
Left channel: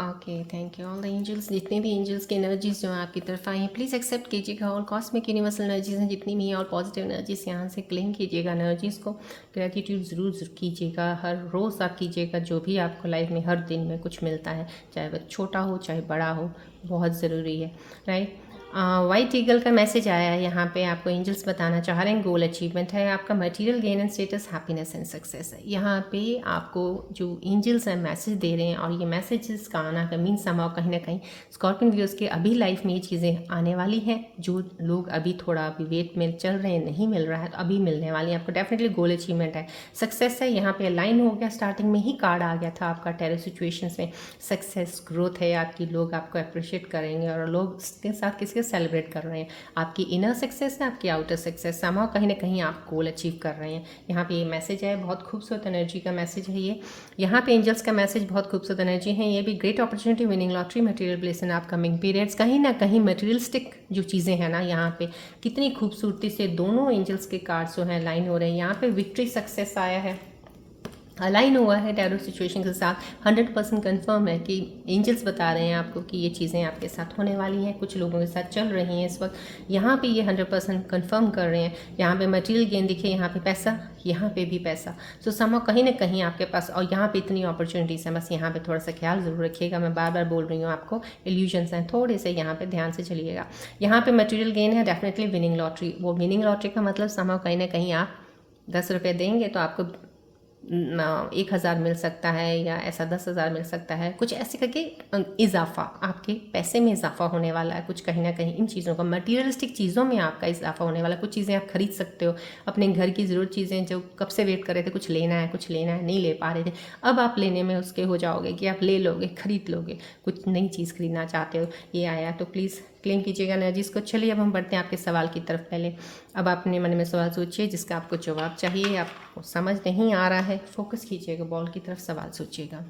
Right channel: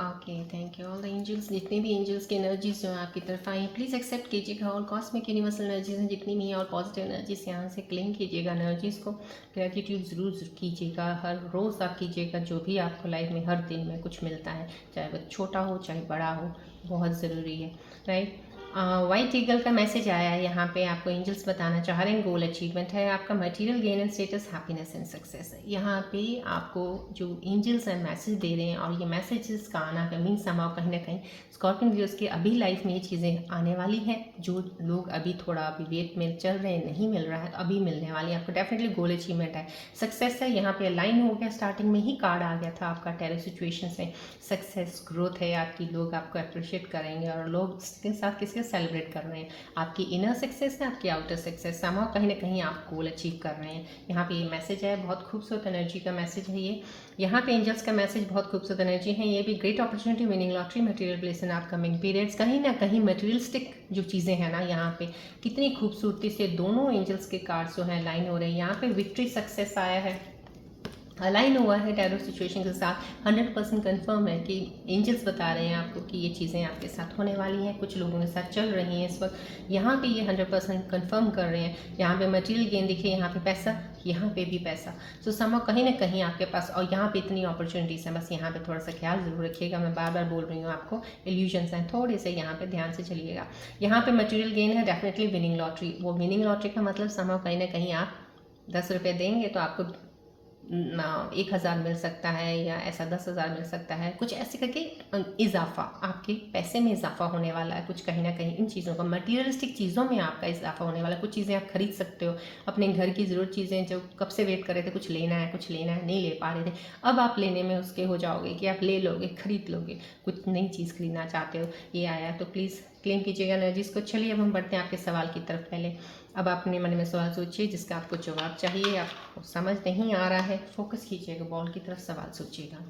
Okay, thank you all the angels. जितने भी एंजल्स की एनर्जीज जो आपकी तरफ आई हैं प्लीज़ एक्सेप्ट कीजिएगा। और कॉस्मिक यूनिवर्सल एनर्जीज हैं जितनी भी हैं, और पॉजिटिव एनर्जीज यहाँ से क्लेम कीजिएगा एनर्जीज़ को। ग्रेटिट्यूड ज़रूर कीजिएगा, हर रोज़ आप कीजिएगा। जो भी आपको लाइफ में हर दिन में कुछ मिलता है, चाहे वह छोटा हो चाहे बड़ा हो, बहुत ज़रूरी है, राइट। वाइट ईगल का मैसेज आया है यहाँ पे, आपको एंजल्स बताना चाह रहे हैं गोल अचीवमेंट है आपका, material gain and status, happiness and success है। यहाँ पे आपको जो एंजल्स हैं मैसेज दे रहे हैं, और ये मैसेजेस का आना का मीन समाव कहीं ना कहीं स्कॉर्पियन व्यूअर्स के अभी लाइफ में ये चीज़ें आने वाली हैं। जो लोग अभी थोड़ा अभी वेट में चल रहे हैं, नहीं मिल रहा है, तो अभी मिलने वाली है आपको। डेफिनेटली गोल अचीवमेंट है, सक्सेस है। यहाँ पे अलाइन हो गया, स्टार्टिंग में ही कार्ड आ गया था आपका टैरो सिचुएशन से। सक्सेस ग्रोथ है आपकी, लोग आपको अप्रिशिएट करेंगे, और लोग इसके साथ किसके सेलिब्रेट कर रहे हैं, आपकी इनर सक्सेस है, आपकी आउटर सक्सेस। समाव कहीं ना कहीं आप गोल अचीव कर रहे हैं। यहाँ पे ये मैसेज है, बहुत खूबसूरत एनर्जी का मैसेज है ये। यहाँ पे एंजल्स का मैसेज बहुत खूबसूरत एनर्जी है। ये भी great opportunity, winning lottery, material bless in upcoming periods. कहीं ना कहीं मटेरियलिस्टिक जो चीज़ें हैं ना, यहाँ पे कितनी खूबसूरती से दोनों एंजल्स के कार्ड्स जो हैं लाइन हो रहे हैं। यहाँ पे विक्ट्री सक्सेस आया है, अलाइन हुआ है टैरो सिचुएशन के साथ। 100% कन्फर्म है कि एंजल्स बता रहे हैं आपको कि ये चीज़ें आपके साथ होने वाली हैं, कुछ लोगों के साथ चल रही हैं इस वक्त। यहाँ पे ये 100% कन्फर्म कर रहे हैं। यहाँ पे मटेरियल गेन दिखे, यहाँ पे पैसा, यहाँ पे भी पैसा। सो समझो कहीं ना कहीं आपके पास, और यहाँ पे इतनी अपॉर्चुनिटीज़ हैं, बस यहाँ पे थोड़ा सा ख्याल ज़रूर रखिएगा। मैं बार बार बोल रही हूँ आपको, इल्यूजन्स हैं, थोड़े से यहाँ पे ध्यान से चलिएगा। यहाँ पे मटेरियल गेन है, डेफिनेटली विनिंग लॉटरी। वो विनिंग लॉटरी का मतलब समझो कहीं ना कहीं आप 10 रुपये देंगे तो आपको 1,000 मिल सकता है, या ऐसा 10,000 मिल सकता है, कुछ ऐसे करके इजाफा, आपके पैसे में इजाफा होने वाला है कुछ। कहीं ना कहीं इन चीज़ों का, मटीरियलिस्टिक चीज़ों में आपका इजाफा होने वाला है। कुछ चीज़ें आप खरीद सकते हो, अपने घर की ज़रूरत चीज़ें जो कब से वेट कर रहे थे, कुछ लेना है कुछ लेना है, नहीं ले पा रहे थे, अब आप लेने में उसके हो जाओगे कि आप ले लोगे, खरीद लोगे, कुछ नई चीज़ खरीदना चाहते हो, ये आया। तो प्लीज़ क्लेम कीजिएगा एनर्जीज़ को। चलिए अब हम बढ़ते हैं आपके सवाल की तरफ। पहले अब आप अपने मन में सवाल सोचिए जिसका आपको जवाब चाहिए, आपको समझ नहीं आ रहा है, फोकस कीजिएगा बॉल की तरफ, सवाल सोचिएगा।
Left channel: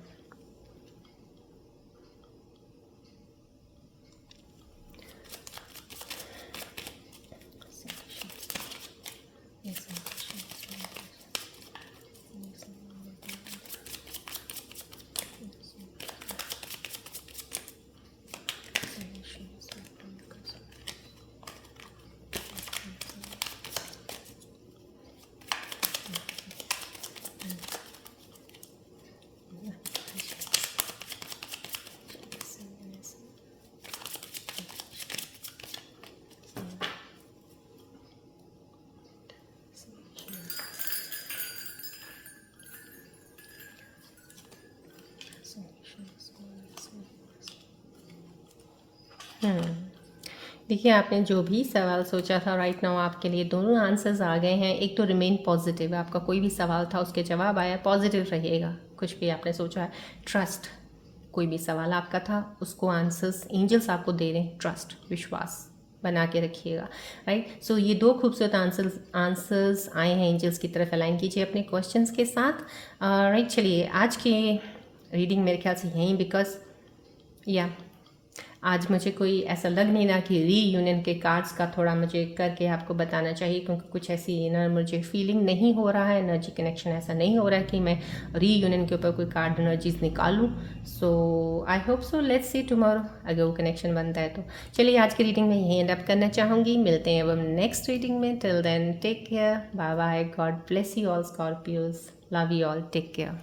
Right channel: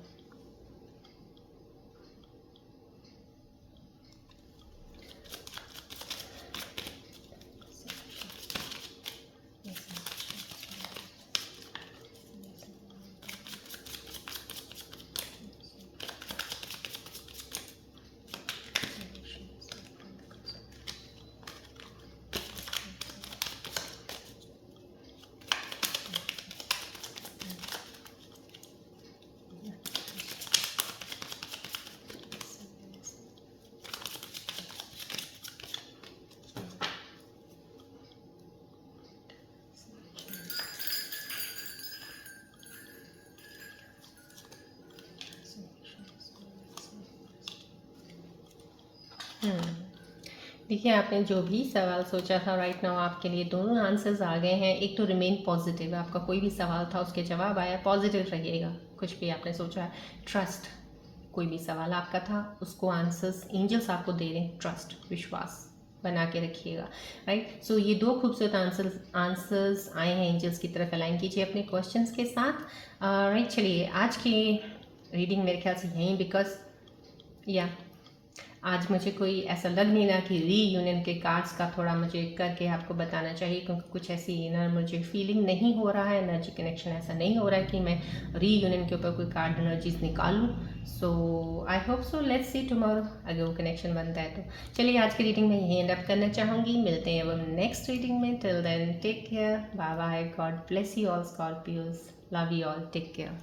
देखिए, आपने जो भी सवाल सोचा था राइट नाउ आपके लिए दोनों आंसर्स आ गए हैं। एक तो रिमेन पॉजिटिव, आपका कोई भी सवाल था उसके जवाब आया, पॉजिटिव रहिएगा। कुछ भी आपने सोचा है, ट्रस्ट, कोई भी सवाल आपका था उसको आंसर्स एंजल्स आपको दे रहे हैं, ट्रस्ट, विश्वास, बना के रखिएगा, राइट। सो ये 2 खूबसूरत आंसर्स आए हैं एंजल्स की तरफ। अलाइन कीजिए अपने क्वेश्चंस के साथ, राइट। चलिए आज की रीडिंग मेरे ख्याल से यहीं, बिकॉज या आज मुझे कोई ऐसा लग नहीं रहा कि रीयूनियन के कार्ड्स का थोड़ा मुझे करके आपको बताना चाहिए, क्योंकि कुछ ऐसी इनर मुझे फीलिंग नहीं हो रहा है, एनर्जी कनेक्शन ऐसा नहीं हो रहा है कि मैं रीयूनियन के ऊपर कोई कार्ड एनर्जीज निकालूं। So I hope so, let's see tomorrow अगर वो कनेक्शन बनता है तो। चलिए आज की रीडिंग में यहीं एंड अप करना चाहूँगी। मिलते हैं अब नेक्स्ट रीडिंग में। Till then take care, bye bye, God bless you all Scorpios, love you all, take care.